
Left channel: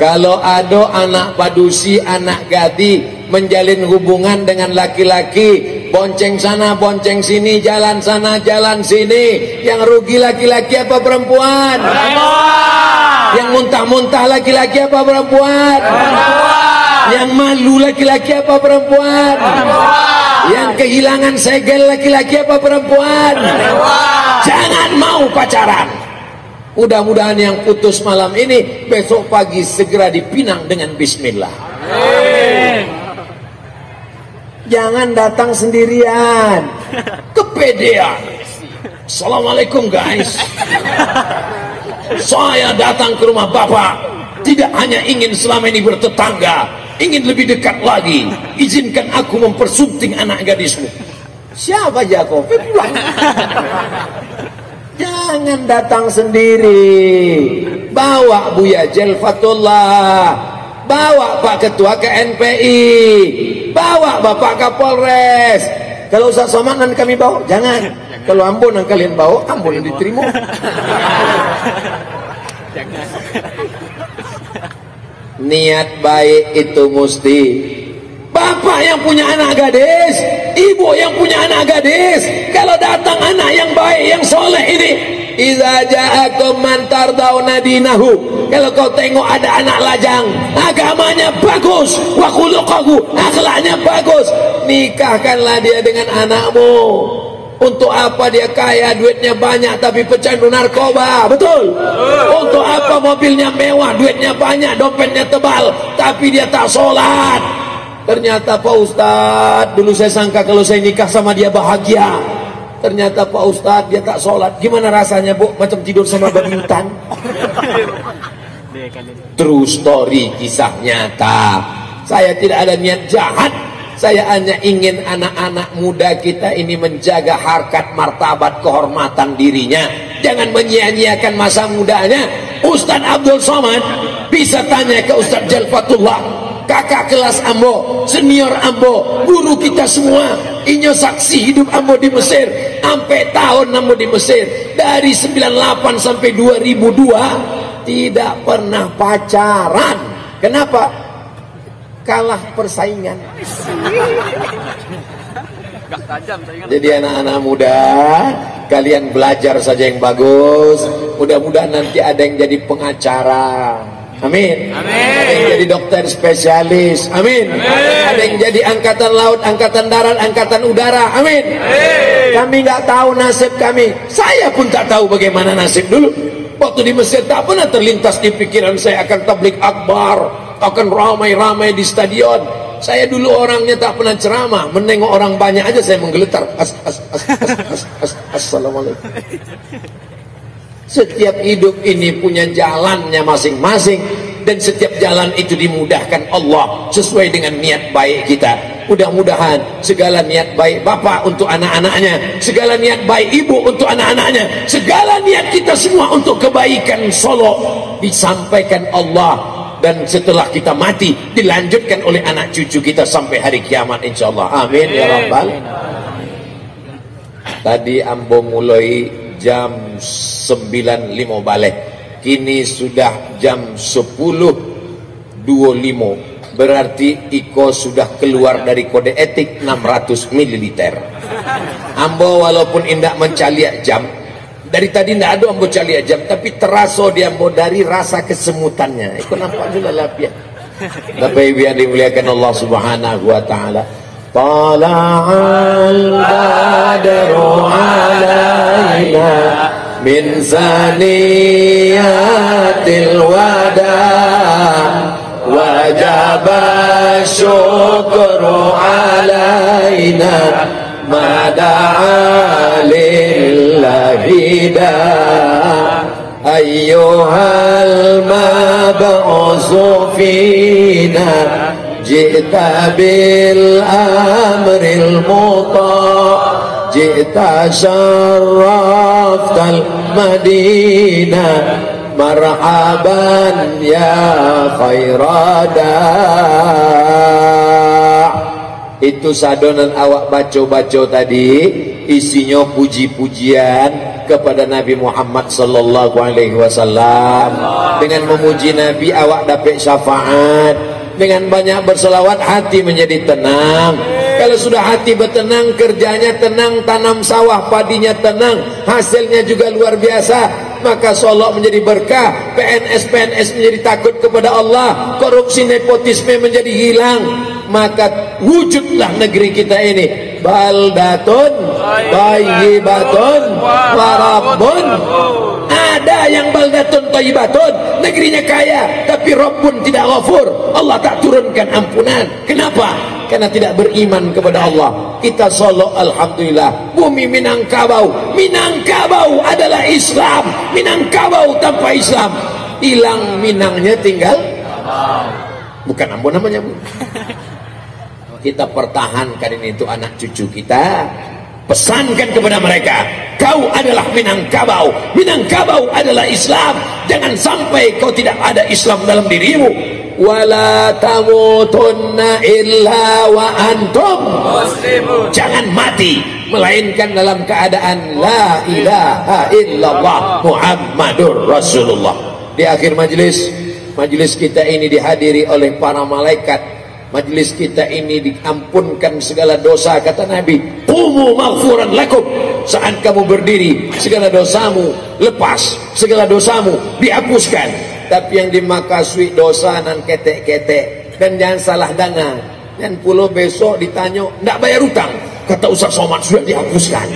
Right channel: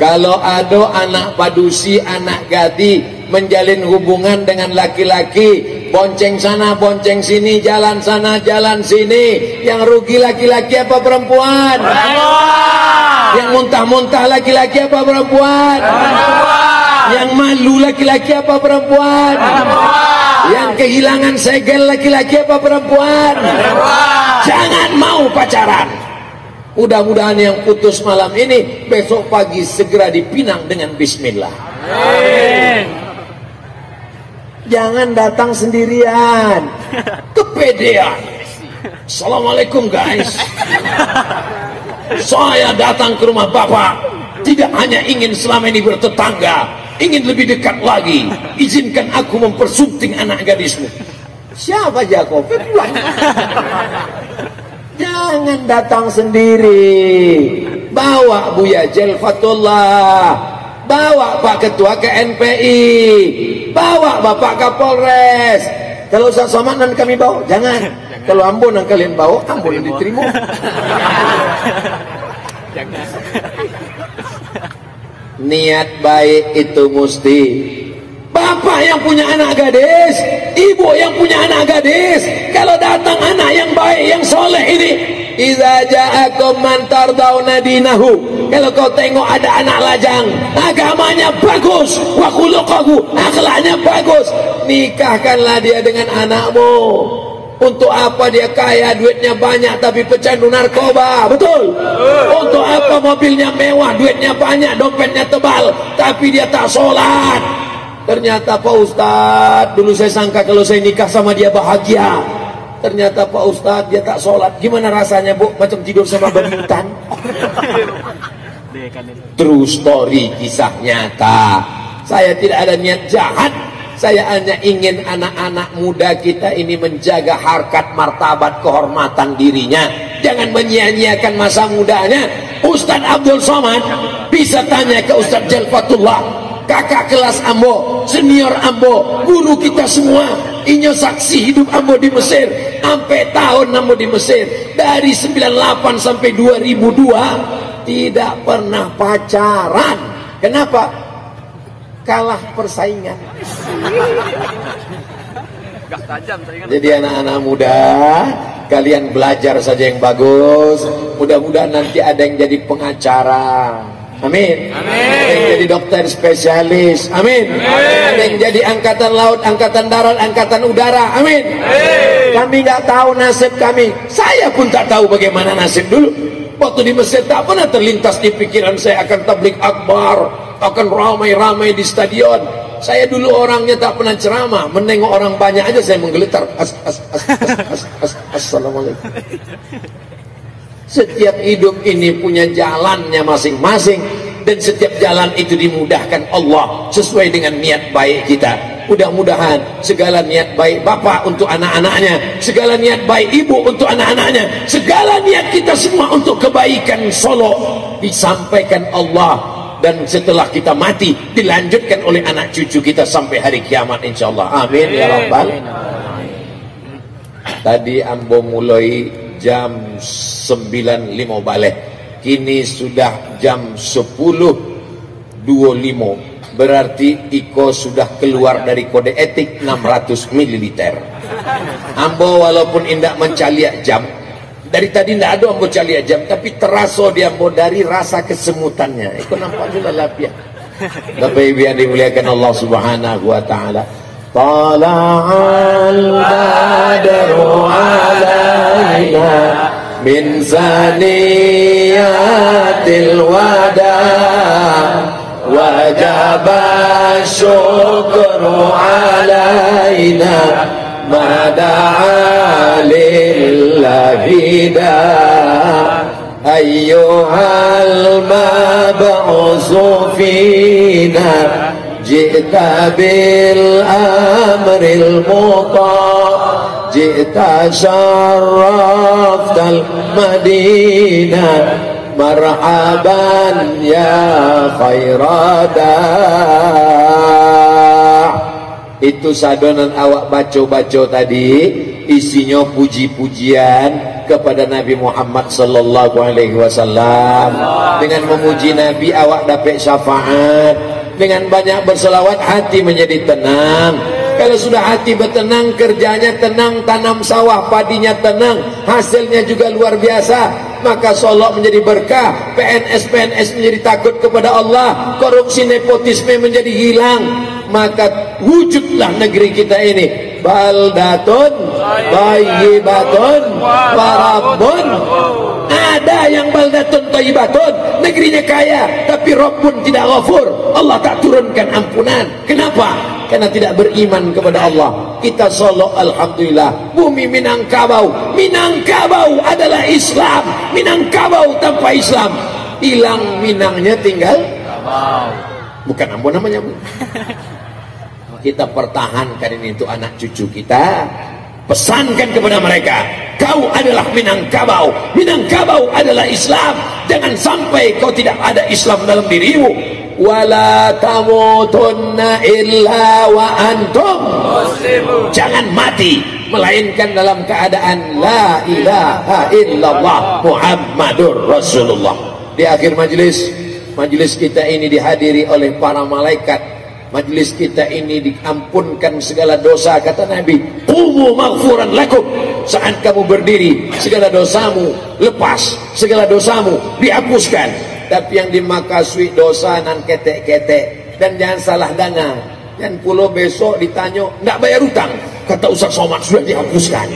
Kalau ada anak padusi, anak gadis menjalin hubungan dengan laki-laki, bonceng sana, bonceng sini, jalan sana, jalan sini, yang rugi laki-laki apa perempuan? Perempuan. Yang muntah-muntah laki-laki apa perempuan? Perempuan. Yang malu laki-laki apa perempuan? Perempuan. Yang kehilangan segel laki-laki apa perempuan? Perempuan. Jangan mau pacaran. Mudah-mudahan yang putus malam ini besok pagi segera dipinang dengan bismillah. Amin. Jangan datang sendirian. Kepedean. Assalamualaikum guys. Saya datang ke rumah Bapak tidak hanya ingin selama ini bertetangga, ingin lebih dekat lagi. Izinkan aku mempersunting anak gadismu. Siapa Jakob? Jangan datang sendiri. Bawa Buya Jelfatullah, bawa Pak Ketua KNPI, bawa Bapak Kapolres. Kalau Ustaz Somad nan kami bawa, jangan. Kalau Ambon yang kalian bawa, Ambon yang diterima. Jangan. Niat baik itu mesti. Bapak yang punya anak gadis, ibu yang punya anak gadis, kalau datang anak yang baik, yang soleh ini, idza ja'akum man tardawna dinahu, kalau kau tengok ada anak lajang, agamanya bagus, wa khuluquhu, akhlaknya bagus, nikahkanlah dia dengan anakmu. Untuk apa dia kaya, duitnya banyak tapi pecandu narkoba? Betul? Untuk apa mobilnya mewah, duitnya banyak, dompetnya tebal tapi dia tak sholat? Ternyata Pak Ustadz, dulu saya sangka kalau saya nikah sama dia bahagia. Ternyata Pak Ustadz dia tak sholat. Gimana rasanya Bu? Macam tidur sama babi hutan. True story, kisah nyata. Saya tidak ada niat jahat. Saya hanya ingin anak-anak muda kita ini menjaga harkat, martabat, kehormatan dirinya. Jangan menyia-nyiakan masa mudanya. Ustadz Abdul Somad bisa tanya ke Ustadz Jelfatullah, kakak kelas Ambo, senior Ambo, guru kita semua. Inyo saksi hidup Ambo di Mesir, sampai tahun Ambo di Mesir, dari 98 sampai 2002 tidak pernah pacaran. Kenapa? Kalah persaingan. Gak tajam saingan. Jadi anak-anak muda, kalian belajar saja yang bagus. Mudah-mudahan nanti ada yang jadi pengacara. Amin. Amin. Ada yang jadi dokter spesialis. Amin. Ada yang jadi angkatan laut, angkatan darat, angkatan udara. Amin. Kami nggak tahu nasib kami. Saya pun tak tahu bagaimana nasib dulu. Waktu di Mesir tak pernah terlintas di pikiran saya akan tablik akbar, akan ramai-ramai di stadion. Saya dulu orangnya tak pernah ceramah, menengok orang banyak aja saya menggeletar. Assalamualaikum. Setiap hidup ini punya jalannya masing-masing, dan setiap jalan itu dimudahkan Allah sesuai dengan niat baik kita. Mudah-mudahan segala niat baik bapak untuk anak-anaknya, segala niat baik ibu untuk anak-anaknya, segala niat kita semua untuk kebaikan Solo disampaikan Allah, dan setelah kita mati dilanjutkan oleh anak cucu kita sampai hari kiamat insyaallah. Amin ya rabbal. Tadi ambo mulai jam 9.05 balik, kini sudah jam 10.25, berarti Iko sudah keluar dari kode etik 600 ml. Ambo walaupun indak mencaliak jam, dari tadi tidak ada ambo caliak jam, tapi terasa dia ambo dari rasa kesemutannya. Itu nampak dulu lapian. Bapak Ibu yang dimuliakan Allah Subhanahu wa taala. Tala'al badru alaina min zaniyatil wada wajaba syukru alaina mada'a lillahida ayyuhal mab'usu fina ji'ta bil amril muta' ji'ta syarraftal madinah marhaban ya khairada. Itu sadonan awak baca-baca tadi isinya puji-pujian kepada Nabi Muhammad sallallahu alaihi wasallam. Dengan memuji Nabi awak dapat syafaat. Dengan banyak berselawat hati menjadi tenang. Kalau sudah hati bertenang, kerjanya tenang, tanam sawah padinya tenang, hasilnya juga luar biasa, maka Solo menjadi berkah, PNS menjadi takut kepada Allah, korupsi nepotisme menjadi hilang, maka wujudlah negeri kita ini baldatun thayyibatun warabbun. Ada yang baldatun thayyibatun, negerinya kaya tapi Rabbun tidak ghafur, Allah tak turunkan ampunan. Kenapa? Karena tidak beriman kepada Allah. Kita Solo alhamdulillah, bumi Minangkabau. Minangkabau adalah Islam. Minangkabau tanpa Islam hilang, Minangnya tinggal bukan Ambon namanya, Bu. Kita pertahankan ini untuk anak cucu kita. Pesankan kepada mereka, kau adalah Minangkabau. Minangkabau adalah Islam. Jangan sampai kau tidak ada Islam dalam dirimu. Wala tamutunna illa wa antum muslimun. Jangan mati melainkan dalam keadaan la ilaha illallah Muhammadur Rasulullah. Di akhir majelis kita ini dihadiri oleh para malaikat. Majlis kita ini diampunkan segala dosa, kata Nabi. Qumu maghfuran lakum. Saat kamu berdiri, segala dosamu lepas, segala dosamu dihapuskan. Tapi yang dimakasui dosa nan ketek-ketek. Dan jangan salah dengar. Dan pulau besok ditanya, tidak bayar hutang. Kata Ustaz Somad sudah dihapuskan.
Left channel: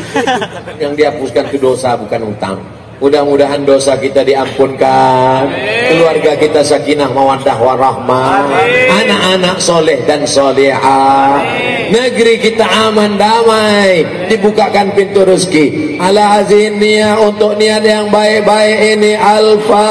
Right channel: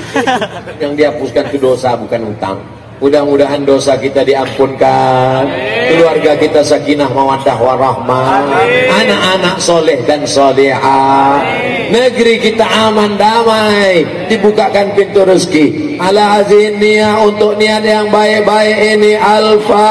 Yang dihapuskan itu dosa, bukan hutang. Mudah-mudahan dosa kita diampunkan, keluarga kita sakinah mawaddah warahmah, anak-anak soleh dan solehah, negeri kita aman damai, dibukakan pintu rezeki. Ala azin niat untuk niat yang baik-baik ini. Al-Fatihah.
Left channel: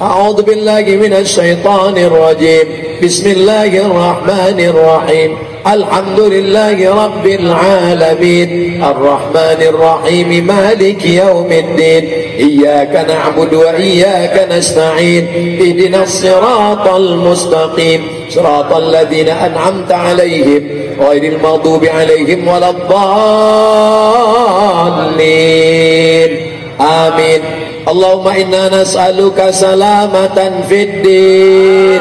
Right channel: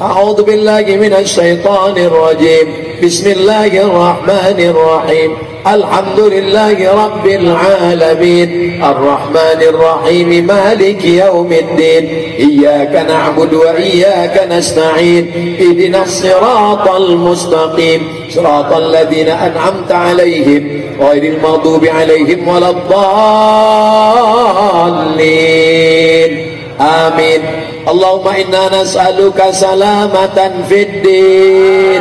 A'udzu billahi minasy syaithanir rajim. Bismillahirrahmanirrahim. Alhamdulillahi rabbil alamin. Arrahmanir rahim. Maliki yaumiddin. Iyyaka na'budu wa iyyaka nasta'in. Ihdinas siratal mustaqim. Siratal ladzina an'amta 'alaihim ghairil maghdubi 'alaihim waladdallin. Amin. Allahumma inna nas'aluka salamatan fid din.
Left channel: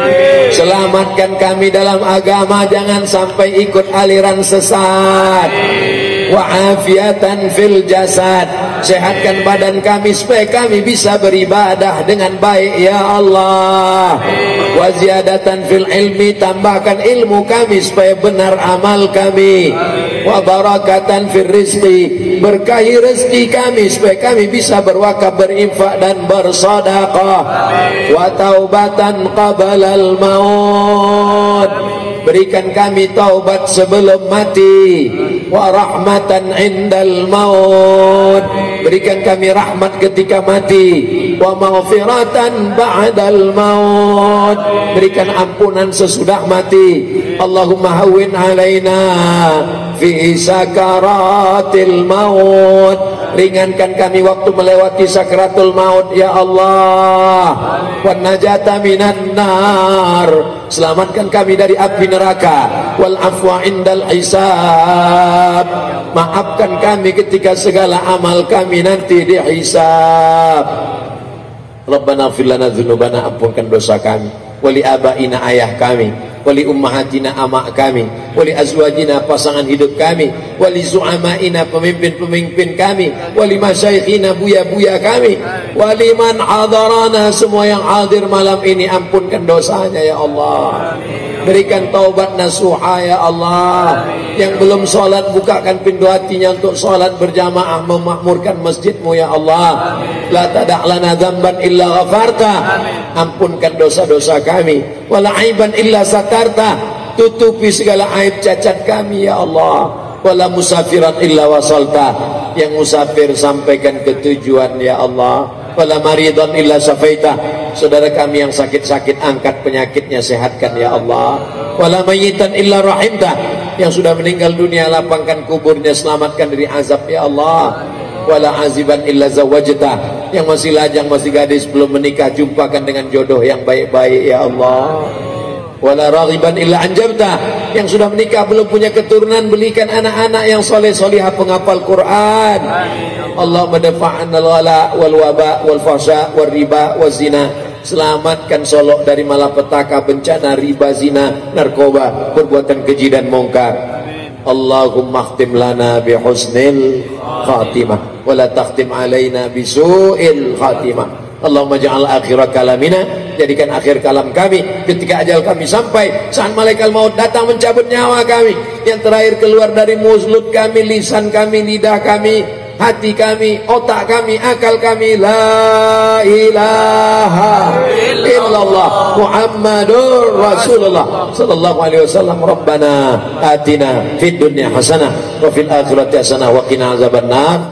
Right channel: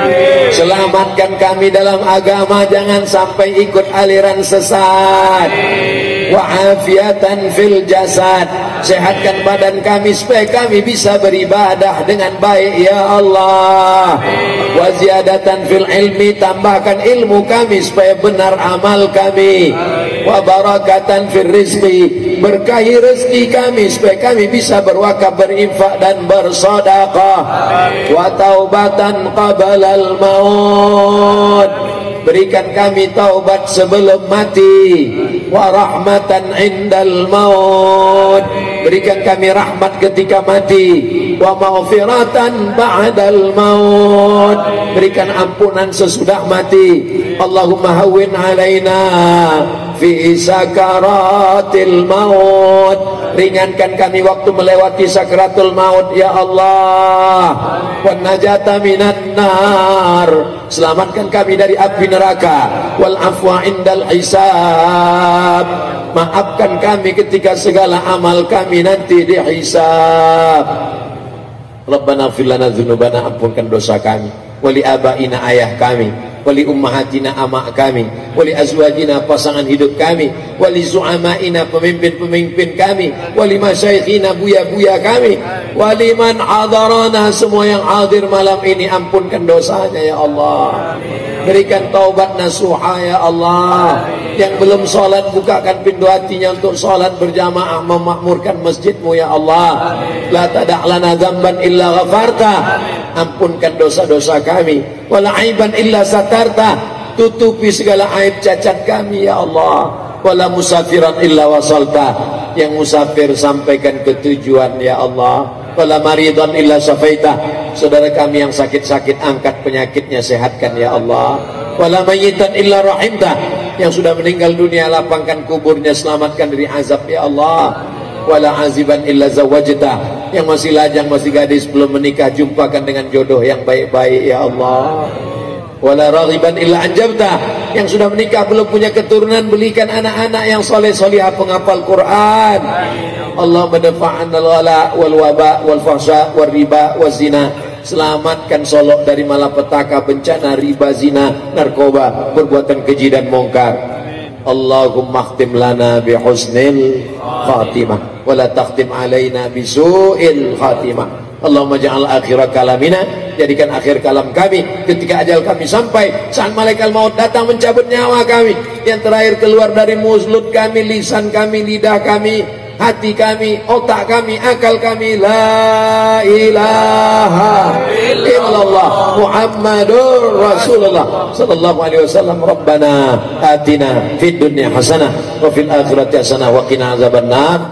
Selamatkan kami dalam agama, jangan sampai ikut aliran sesat. Wa afiatan fil jasad, sehatkan badan kami supaya kami bisa beribadah dengan baik ya Allah. Wa ziyadatan fil ilmi, tambahkan ilmu kami supaya benar amal kami. Wa barakatan fil rizqi, berkahi rezeki kami supaya kami bisa berwakaf, berinfak dan bersedekah. Wa taubatan qabalal maut, berikan kami taubat sebelum mati. Wa rahmatan indal maut, berikan kami rahmat ketika mati. Wa maghfiratan ba'dal maut, berikan ampunan sesudah mati. Allahumma hawwin alaina fi sakaratil maut, ringankan kami waktu melewati sakratul maut ya Allah. Wan najata minan nar, selamatkan kami dari api neraka. Wal afwa indal hisab, maafkan kami ketika segala amal kami nanti dihisab. Rabbana fir lana dzunubana, ampunkan dosa kami. Wali abaina, ayah kami. Wali ummahatina, amak kami. Wali azwajina, pasangan hidup kami. Wali zu'amaina, pemimpin-pemimpin kami. Wali masyayikhina, buya-buya kami. Wali man hadarana, semua yang hadir malam ini, ampunkan dosanya ya Allah. Berikan taubat nasuha ya Allah. Yang belum sholat, bukakan pintu hatinya untuk sholat berjamaah, memakmurkan masjidmu ya Allah. La tada' lana dzamban illa ghafarta, ampunkan dosa-dosa kami. Wala aiban illa satarta, tutupi segala aib cacat kami ya Allah. Wala musafiran illa wasalta, yang musafir sampaikan ke tujuan ya Allah. Wala maridan illa syafaita, saudara kami yang sakit-sakit angkat penyakitnya, sehatkan ya Allah. Wala mayyitan illa rahimta, yang sudah meninggal dunia lapangkan kuburnya, selamatkan dari azab ya Allah. Wala aziban illa zawajta, yang masih lajang, masih gadis, belum menikah, jumpakan dengan jodoh yang baik-baik ya Allah. Wala raghiban illa anjabta, yang sudah menikah belum punya keturunan, belikan anak-anak yang soleh-solihah penghafal Quran. Allah madafa'an al-wala wal waba wal fahsya wal riba wal zina, selamatkan Solok dari malapetaka, bencana, riba, zina, narkoba, perbuatan keji dan mungkar. Allahumma khtim lana bi husnil khatimah wa la takhtim alaina bi su'il khatimah. Allahumma ja'al akhir kalamina, jadikan akhir kalam kami ketika ajal kami sampai, saat malaikat maut datang mencabut nyawa kami, yang terakhir keluar dari mulut kami, lisan kami, lidah kami, hati kami, otak kami, akal kami, la ilaha illallah Muhammadur Rasulullah sallallahu alaihi wasallam. Rabbana atina fid dunya hasanah wa fil akhirati hasanah wa qina azabannar.